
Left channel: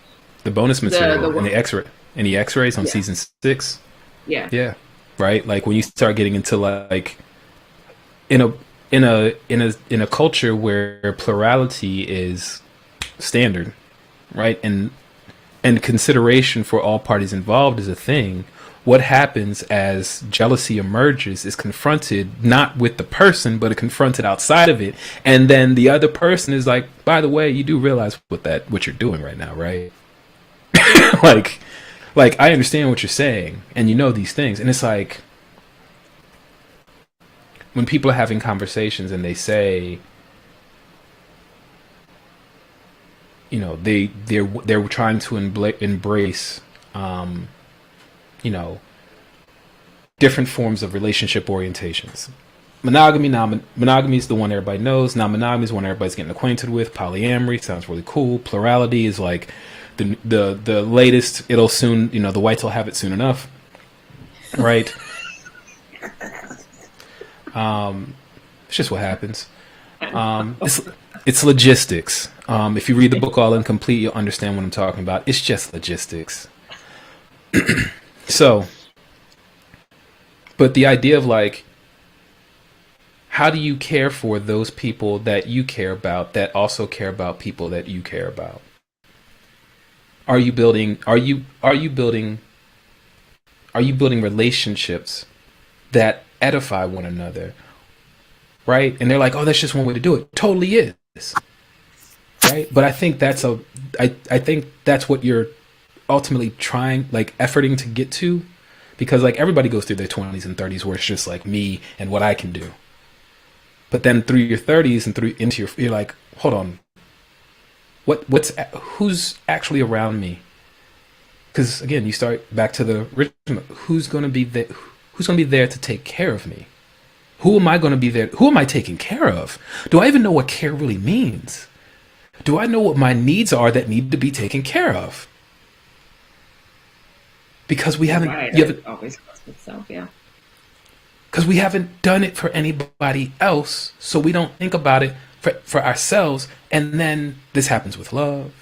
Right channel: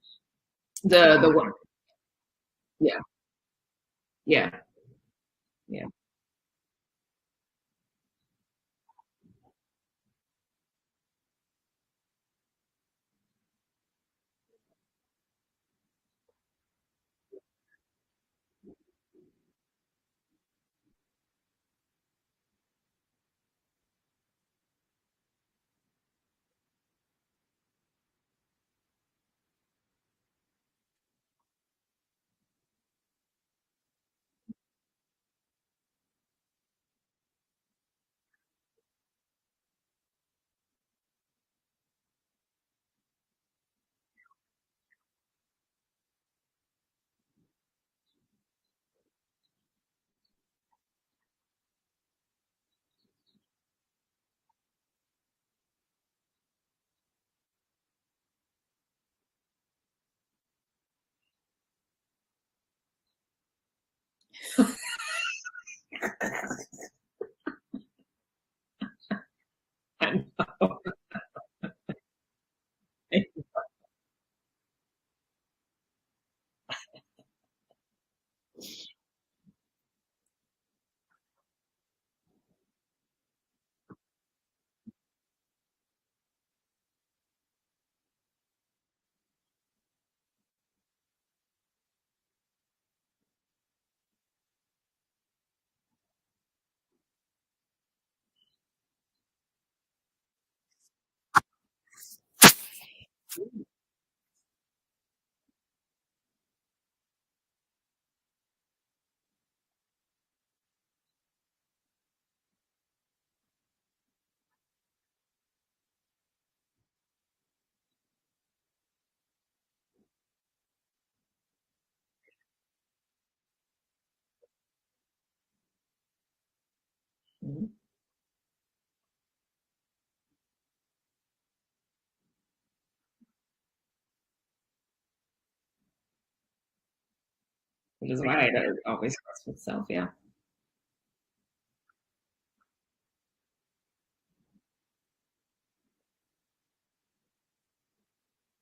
bonus material in the X-rays on season 6. Yeah. Right. Like when you start getting into like in a culture where plurality is standard, right, and consideration for all parties involved is a thing. What happens as jealousy emerges is confronted not with the person, but confronted outside of it. And then the other person is like, by the way, you do realize what you're doing right now, right? like I understand what you're saying, and you know these things. And it's like when people are having conversations and they say, they're trying to embrace different forms of relationship orientations. monogamy is the one everybody knows. Non-monogamy is one everybody's getting acquainted with. Polyamory sounds really cool. Plurality is like the latest. It'll soon, the whites will have it soon enough, right? It's just what happens. It's logistics. If you read the book All Incomplete, you'll understand what I'm talking about. It's just logistics. So, but the idea of like, how do you care for those people that you care about that also care about people that you care about? Are you building relationships that edify one another? Right? And they're like, oh, that's just one way to do it. Totally is. Right? But I think I think that's what you're ultimately trying, like efforting to get to, because like everybody goes through their 20s and 30s where it's just like me and what I can do. But then through your 30s and you're like, hold on, who's actually around me? Because again, you start back to the original. Who's going to be there to take care of me? Who am I going to be there? Who am I taking care of? Do I even know what care really means? Do I know what my needs are that need to be taken care of? Because we haven't. Right, it always goes with self, yeah. Because we haven't done it for anybody else, so we don't think about it for ourselves. And then this happens with love.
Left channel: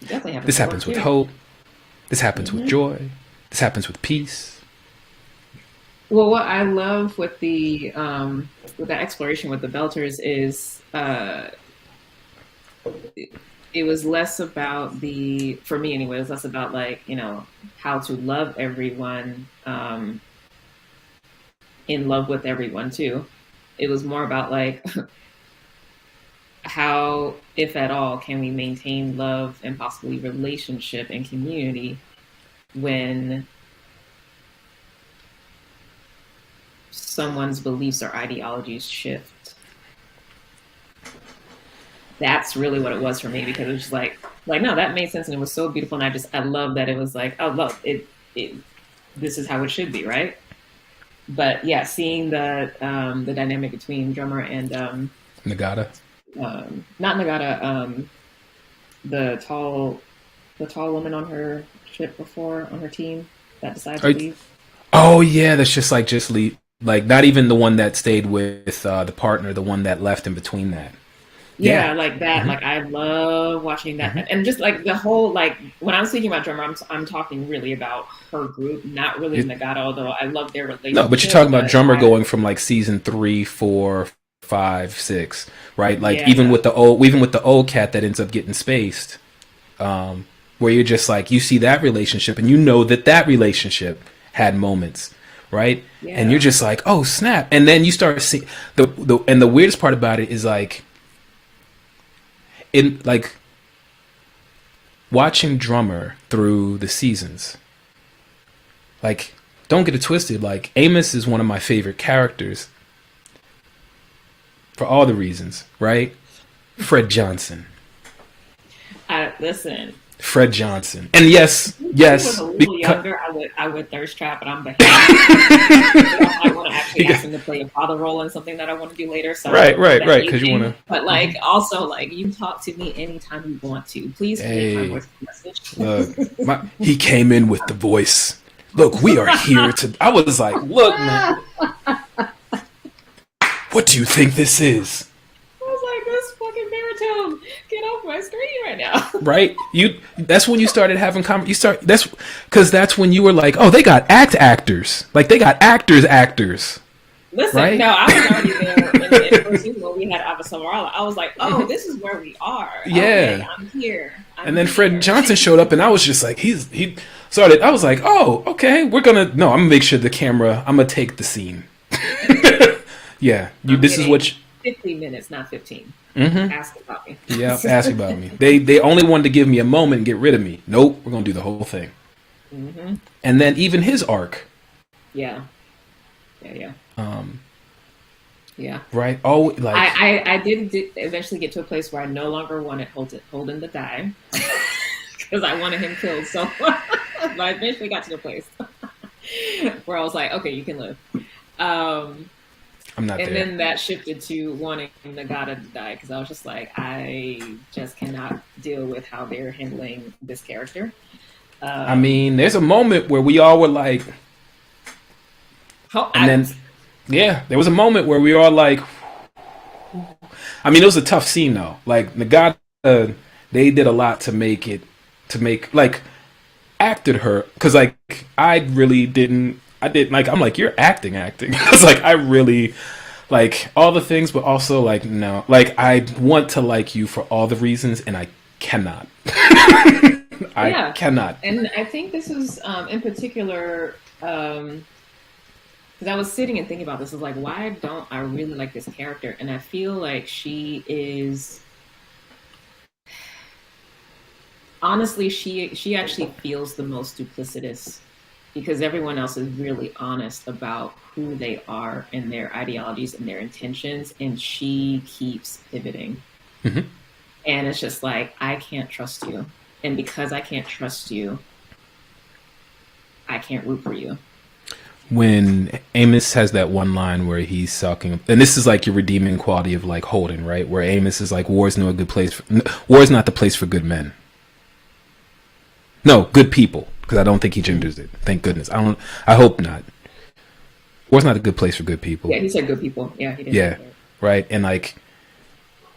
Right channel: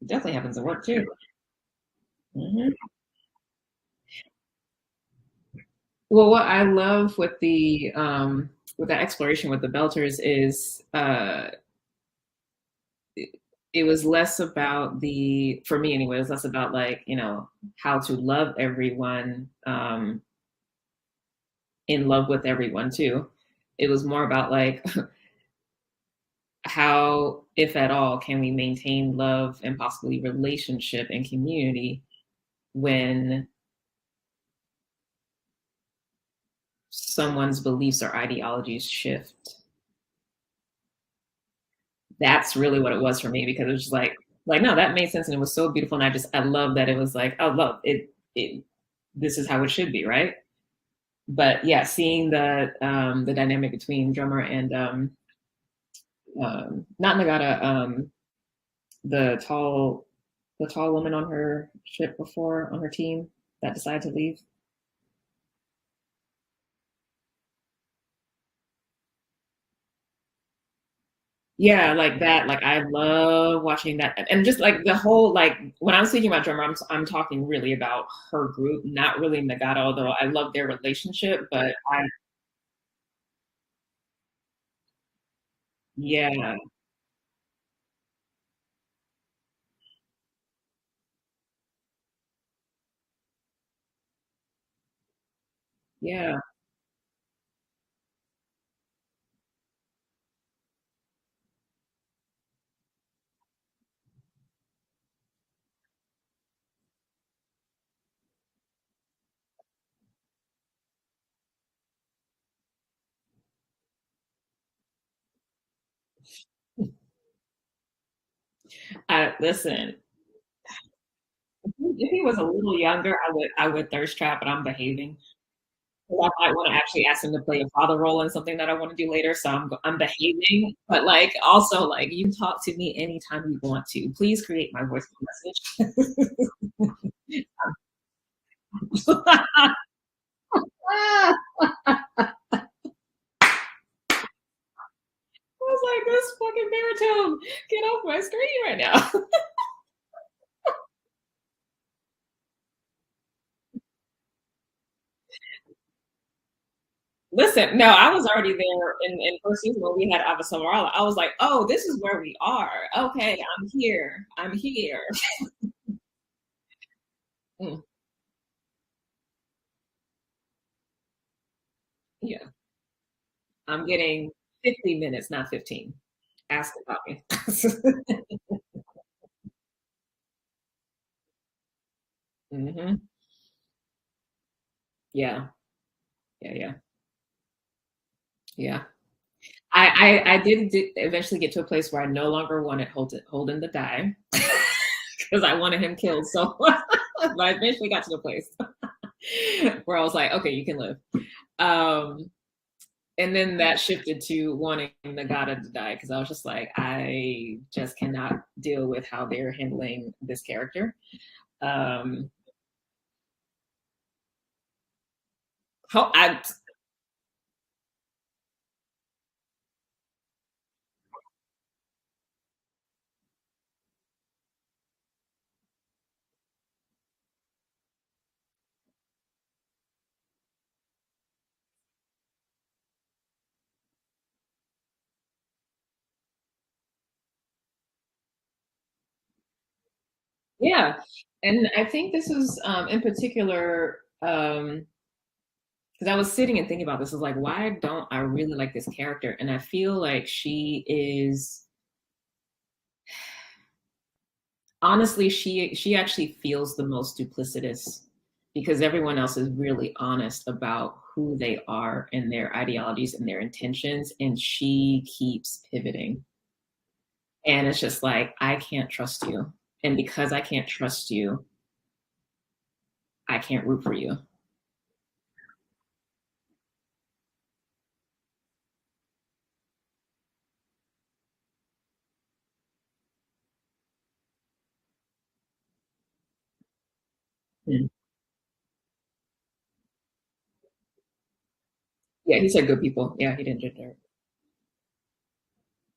Definitely happens. This happens with hope. This happens with joy. This happens with peace. Well, what I love with with that exploration with the Belters is it was less about for me anyway, it was less about like, how to love everyone, in love with everyone too. It was more about like, how, if at all, can we maintain love and possibly relationship and community when someone's beliefs or ideologies shift. That's really what it was for me, because it was just like no, that made sense and it was so beautiful, and I love that it was like, oh look, it this is how it should be, right? But yeah, seeing the dynamic between Drummer and Nagata. Not Nagata, the tall woman on her ship before, on her team that decided to leave. Oh yeah, that's just leave. Like not even the one that stayed with the partner, the one that left in between that. Yeah, like that. Mm-hmm. Like I love watching that, mm-hmm. And just like the whole, like when I'm speaking about Drummer, I'm talking really about her group, not really Nagata. Although I love their relationship. No, but you're talking about Drummer going from like season 3, 4, 5, 6, right? Like even with the old cat that ends up getting spaced, where you're just like, you see that relationship and you know that relationship had moments, right? Yeah. And you're just like, oh snap, and then you start seeing the weirdest part about it is like, in like watching Drummer through the seasons, like don't get it twisted, like Amos is one of my favorite characters for all the reasons, right? Fred Johnson. Listen. Fred Johnson. And yes. If he was a little younger, I would thirst trap, but I'm behind. I want to actually ask him to play a father role in something that I want to do later. So right. Because you want to. But like, also, like, you talk to me anytime you want to. Please create my voice message. Look, he came in with the voice. Look, we are here to. I was like, look, man. What do you think this is? I was like, this fucking baritone, get off my screen right now. Right? That's when you started having that's when you were like, oh, they got actors. Like they got actors. Listen, right? No, I was already there in the first season when we had Ava Samarala. I was like, oh, this is where we are. Yeah. Okay, I'm here. And then Fred Johnson showed up and I was just like, he started, I was like, oh, okay, I'm gonna make sure I'm gonna take the scene. Yeah, this is what 50 minutes, not 15. Mm-hmm. Ask about me. Yeah, ask about me. They only wanted to give me a moment and get rid of me. Nope, we're gonna do the whole thing. Mm-hmm. And then even his arc. Yeah. Yeah. Right. Oh, like I did eventually get to a place where I no longer wanted Holden to die because I wanted him killed. So, but I eventually got to the place. where I was like, okay, you can live. Um, I'm not and there. then that shifted to wanting Nagata to die because I was just like, I just cannot deal with how they're handling this character. I Um, mean, there's a moment where we all were like, how and I then yeah, there was a moment where we were all like, I mean, it was a tough scene though. Like Nagata, they did a lot to make it, to make like acted her because like I really didn't. I did like I'm like you're acting. It's like I really like all the things, but also like no, like I want to like you for all the reasons, and I cannot. I yeah, cannot. and I think this is in particular because I was sitting and thinking about this. I was like, why don't I really like this character? And I feel like she is honestly, she actually feels the most duplicitous because everyone else is really honest about who they are and their ideologies and their intentions, and she keeps pivoting. Hmm. And it's just like, I can't trust you. And because I can't trust you, I can't root for you. When Amos has that one line where he's talking, and this is like your redeeming quality of like Holden, right? Where Amos is like, "War is no good place. War is not the place for good men. No, good people." Because I don't think he Mm-hmm. genders it. Thank goodness. I don't. I hope not. War's not a good place for good people. Yeah, he said good people. Yeah, he didn't say Yeah, that. right. And like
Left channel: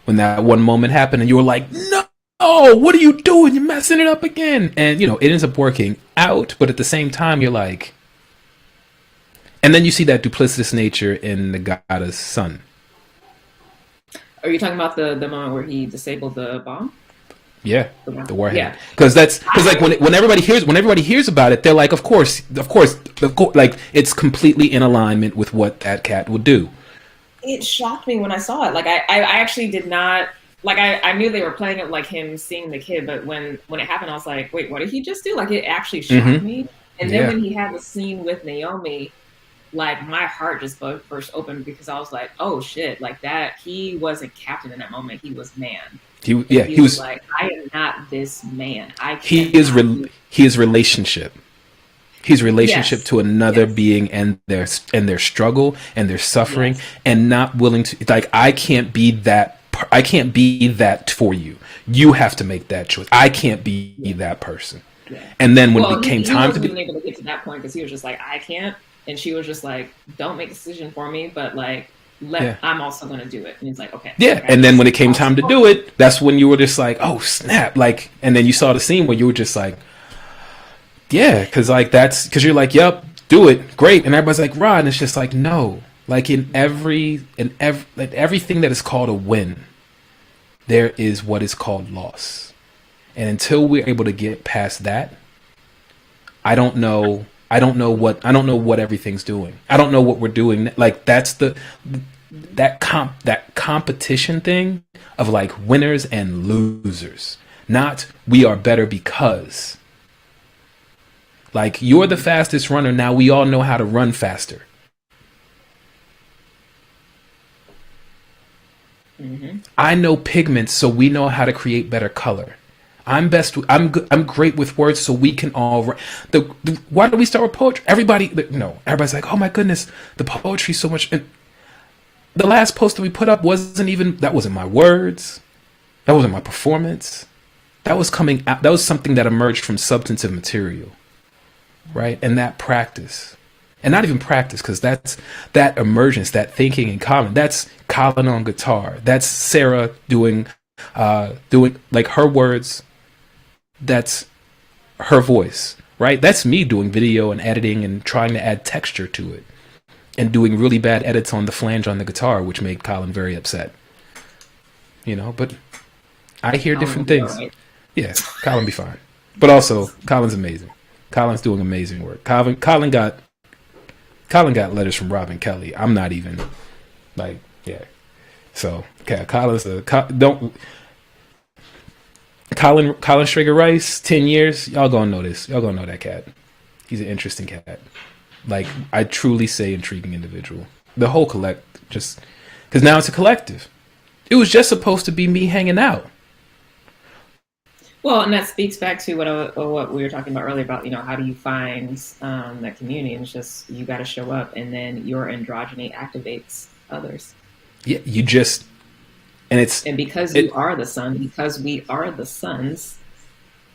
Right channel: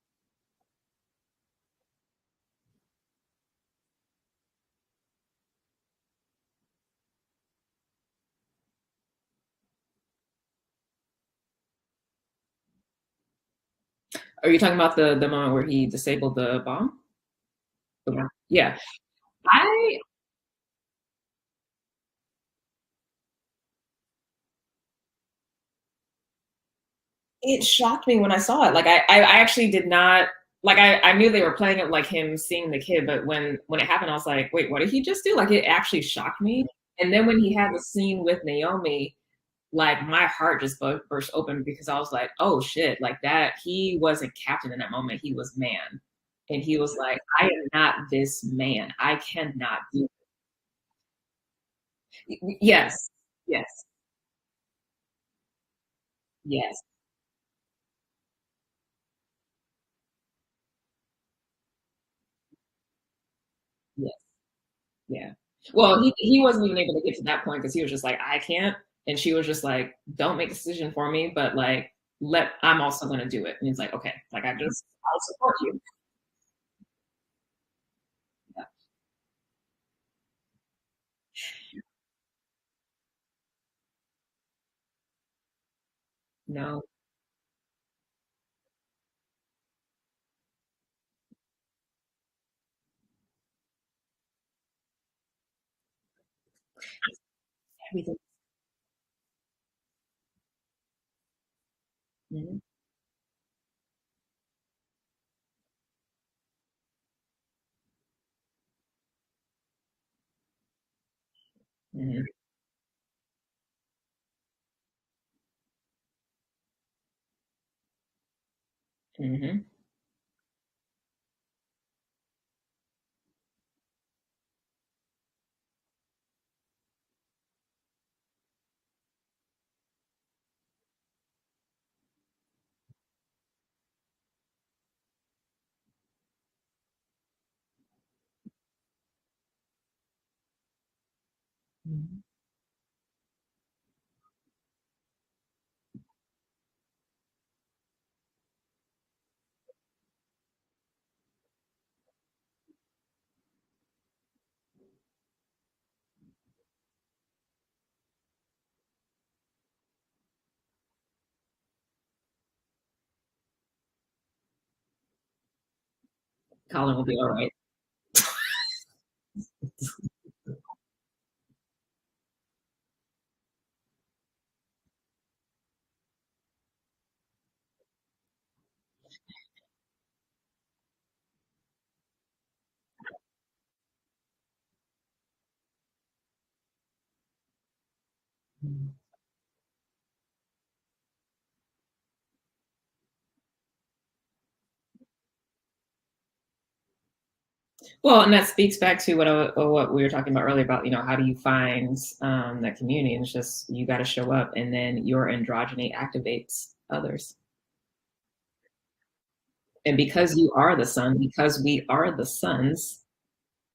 when that one moment happened, and you were like, "No, what are you doing? You're messing it up again." And you know it ends up working out, but at the same time, you're like, and then you see that duplicitous nature in Nagata's son. Are you talking about the moment where he disabled the bomb? Yeah, The bomb? the warhead. Yeah. Because that's because like I when everybody hears about it, they're like, of course, like it's completely in alignment with what that cat would do. it shocked me when I saw it. Like I actually did not like I knew they were playing it like him seeing the kid, but when it happened, I was like, wait, what did he just do? Like it actually shocked Mm-hmm. me. And then Yeah. when he had the scene with Naomi, like my heart just burst open because I was like, oh shit, like that he wasn't captain in that moment, he was man. He And yeah he he was was like, I am not this man. I he is cannot be. he is relationship. He's relationship Yes. to another Yes. being and their struggle and their suffering Yes. and not willing to like I can't be that for you. You have to make that choice. I can't be Yeah. that person. Yeah. And then when it Well, became he time to wasn't be even able to get to that point because he was just like, I can't. And she was just like, don't make a decision for me, but like, yeah. I'm also going to do it. And he's like, okay. Yeah, Like, and then when it came time to do you. it, that's when you were just like, "Oh snap!" Like, and then you saw the scene where you were just like, "Yeah," because like that's because you're like, "Yep, do it, great," and everybody's like, "Rod," and it's just like, no, like in every like everything that is called a win, there is what is called loss, and until we're able to get past that, I don't know. I don't know what everything's doing. I don't know what we're doing. Like that's that competition thing of like winners and losers. Not we are better because like you're the Mm-hmm. fastest runner. Now we all know how to run faster. Mm-hmm. I know pigments, so we know how to create better color. I'm best. I'm good. I'm great with words, so we can all. Why do we start with poetry? Everybody, no. Everybody's like, oh my goodness, the poetry's so much. And the last post that we put up wasn't even. That wasn't my words. That wasn't my performance. That was coming out. That was something that emerged from substantive material, right? And that practice, and not even practice, because that's that emergence, that thinking in common. That's Colin on guitar. That's Sarah doing like her words. That's her voice, right? That's me doing video and editing and trying to add texture to it and doing really bad edits on the flange on the guitar, which made Colin very upset. But I hear Colin will different be all things. right. Yeah, Colin be fine. But also, Colin's amazing. Colin's doing amazing work. Colin got letters from Robin Kelly. I'm not even like, yeah. So, okay, don't Colin Strigger Rice, 10 years. Y'all gonna know this. Y'all gonna know that cat. He's an interesting cat. Like I truly say, intriguing individual. The whole just because now it's a collective. It was just supposed to be me hanging out. Well, and that speaks back to what we were talking about earlier about, how do you find that community? And it's just, you got to show up, and then your androgyny activates others. Yeah, you just and And because you it are the sun, because we are the suns,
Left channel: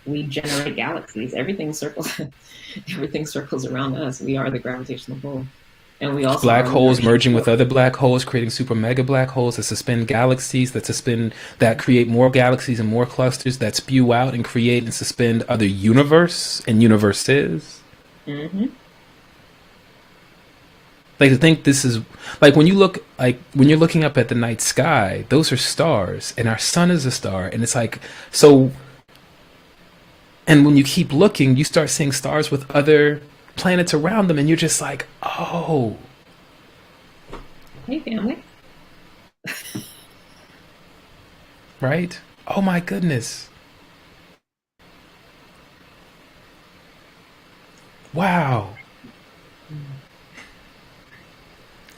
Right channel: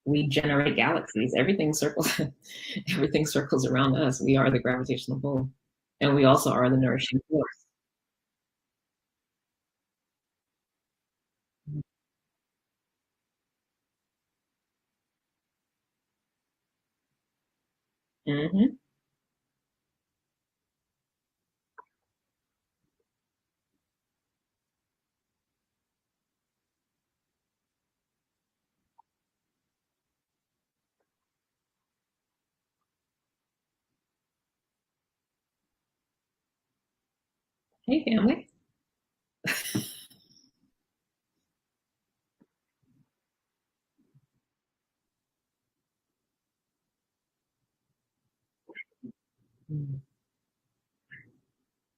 we generate galaxies. Everything circles around us. We are the gravitational pull, and we also black are the holes nourishing merging with force. other black holes, creating super mega black holes that suspend galaxies, that create more galaxies and more clusters that spew out and create and suspend other universe and universes. Hmm. Like to think this is like when you're looking up at the night sky, those are stars, and our sun is a star, and it's like so. And when you keep looking, you start seeing stars with other planets around them, and you're just like, oh, Hey, family. right? Oh my goodness. Wow.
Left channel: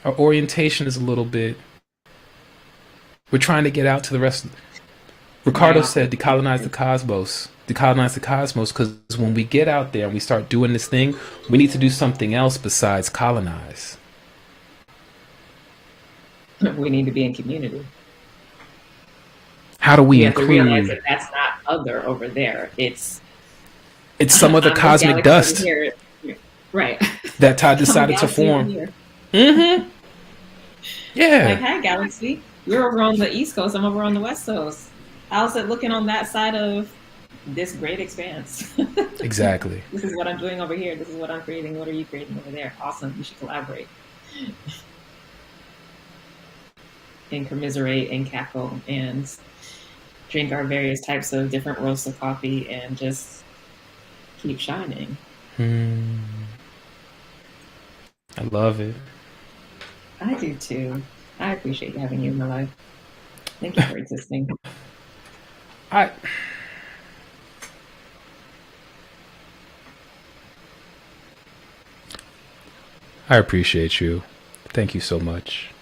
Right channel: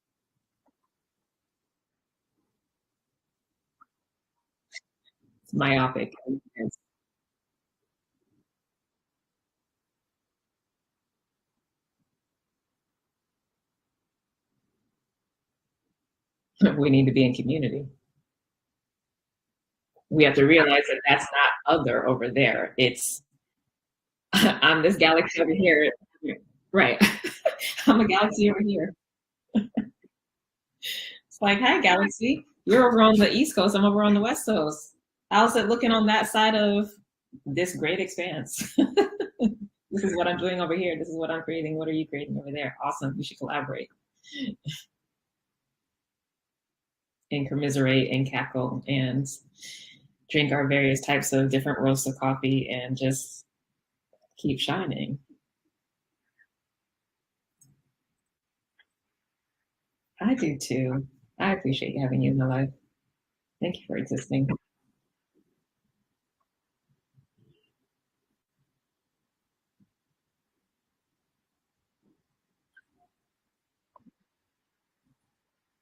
Our orientation is a little bit. We're trying to get out to the rest. Ricardo said Myopic. decolonize the cosmos. Decolonize the cosmos because when we get out there and we start doing this thing, we need to do something else besides colonize. We need to be in community. How do we We have to realize include? that that's not other over there. It's It's some of the I'm this cosmic galaxy over dust here. Right. that Todd I'm a decided to galaxy over form. here. Mm-hmm. Like, Yeah, hi, galaxy. You're over on the East Coast. I'm over on the West Coast. How's it looking on that side of this great expanse? exactly. This is what I'm doing over here. This is what I'm creating. What are you creating over there? Awesome. We should collaborate and commiserate and cackle and drink our various types of different roasts of coffee and just keep shining. Hmm. I love it. I do too. I appreciate having you in my life. Thank you for existing. I I appreciate you. Thank you so much.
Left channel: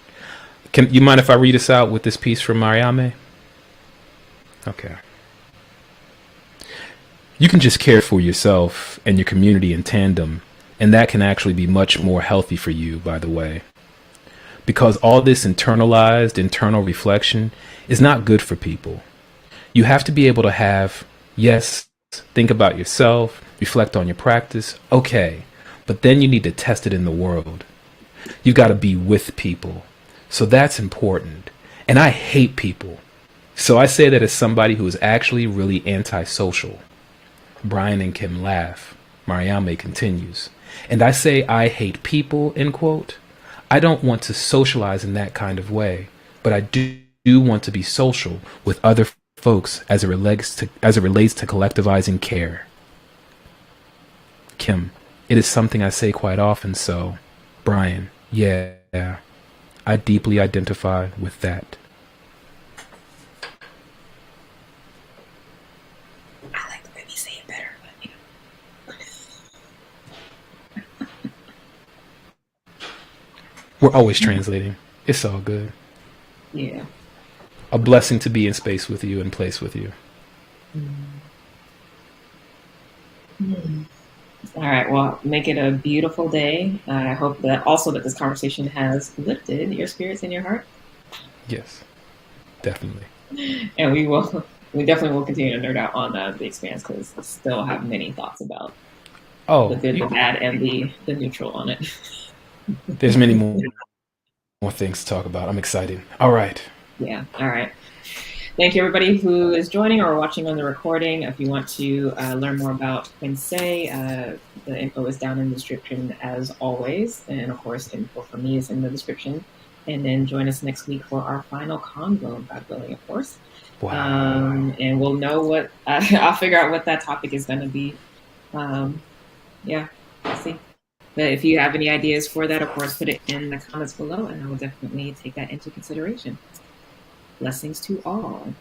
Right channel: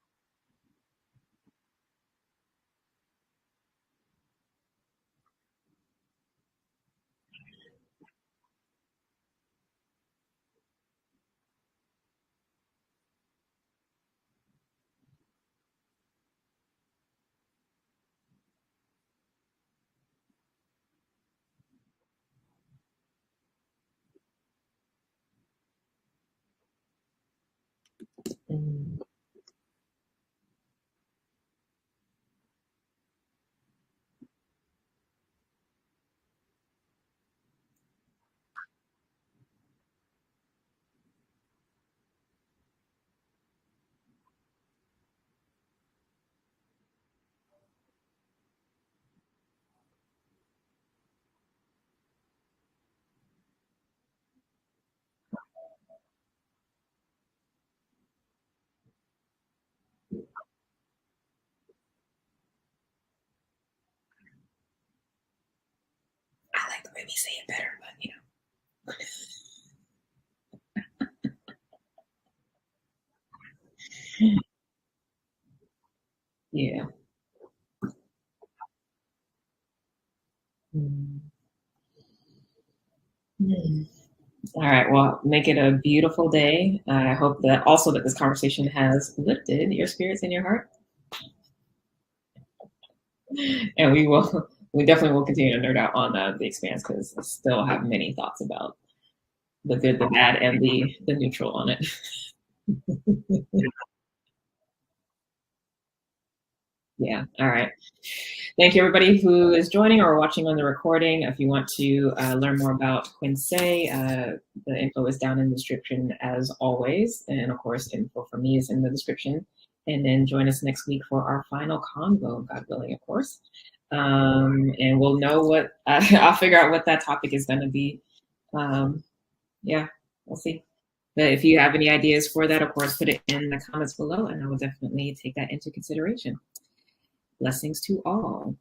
Can you mind if I read us out with this piece from Mariame? Okay. You can just care for yourself and your community in tandem, and that can actually be much more healthy for you, by the way. Because all this internalized internal reflection is not good for people. You have to be able to have, yes, think about yourself, reflect on your practice, okay, but then you need to test it in the world. You got to be with people. So that's important. And I hate people. So I say that as somebody who is actually really antisocial. Brian and Kim laugh. Mariame continues. And I say I hate people, end quote. I don't want to socialize in that kind of way, but I do want to be social with other folks as it relates to collectivizing care. Kim, it is something I say quite often, so Brian, yeah, I deeply identify with that. I like the way we say it better, but We're always translating. It's all good. yeah. A blessing to be in space with you and place with you. All right. Well, make it a beautiful day. I hope that also that this conversation has lifted your spirits and your heart, Yes, definitely. and we definitely will continue to nerd out on the expanse because I still have many thoughts about the Oh, good, the bad, and the neutral on it. there's many more things to talk about. I'm excited. All right. Yeah. All right. Thank you, everybody who is joining or watching on the recording. If you want to learn more about Quincey, the info is down in the description as always. And of course, info for me is in the description. And then join us next week for our final convo, God willing, of course. Wow. And we'll know what, I'll figure out what that topic is going to be. Yeah, we'll see. But if you have any ideas for that, of course, put it in the comments below, and I will definitely take that into consideration. Blessings to all.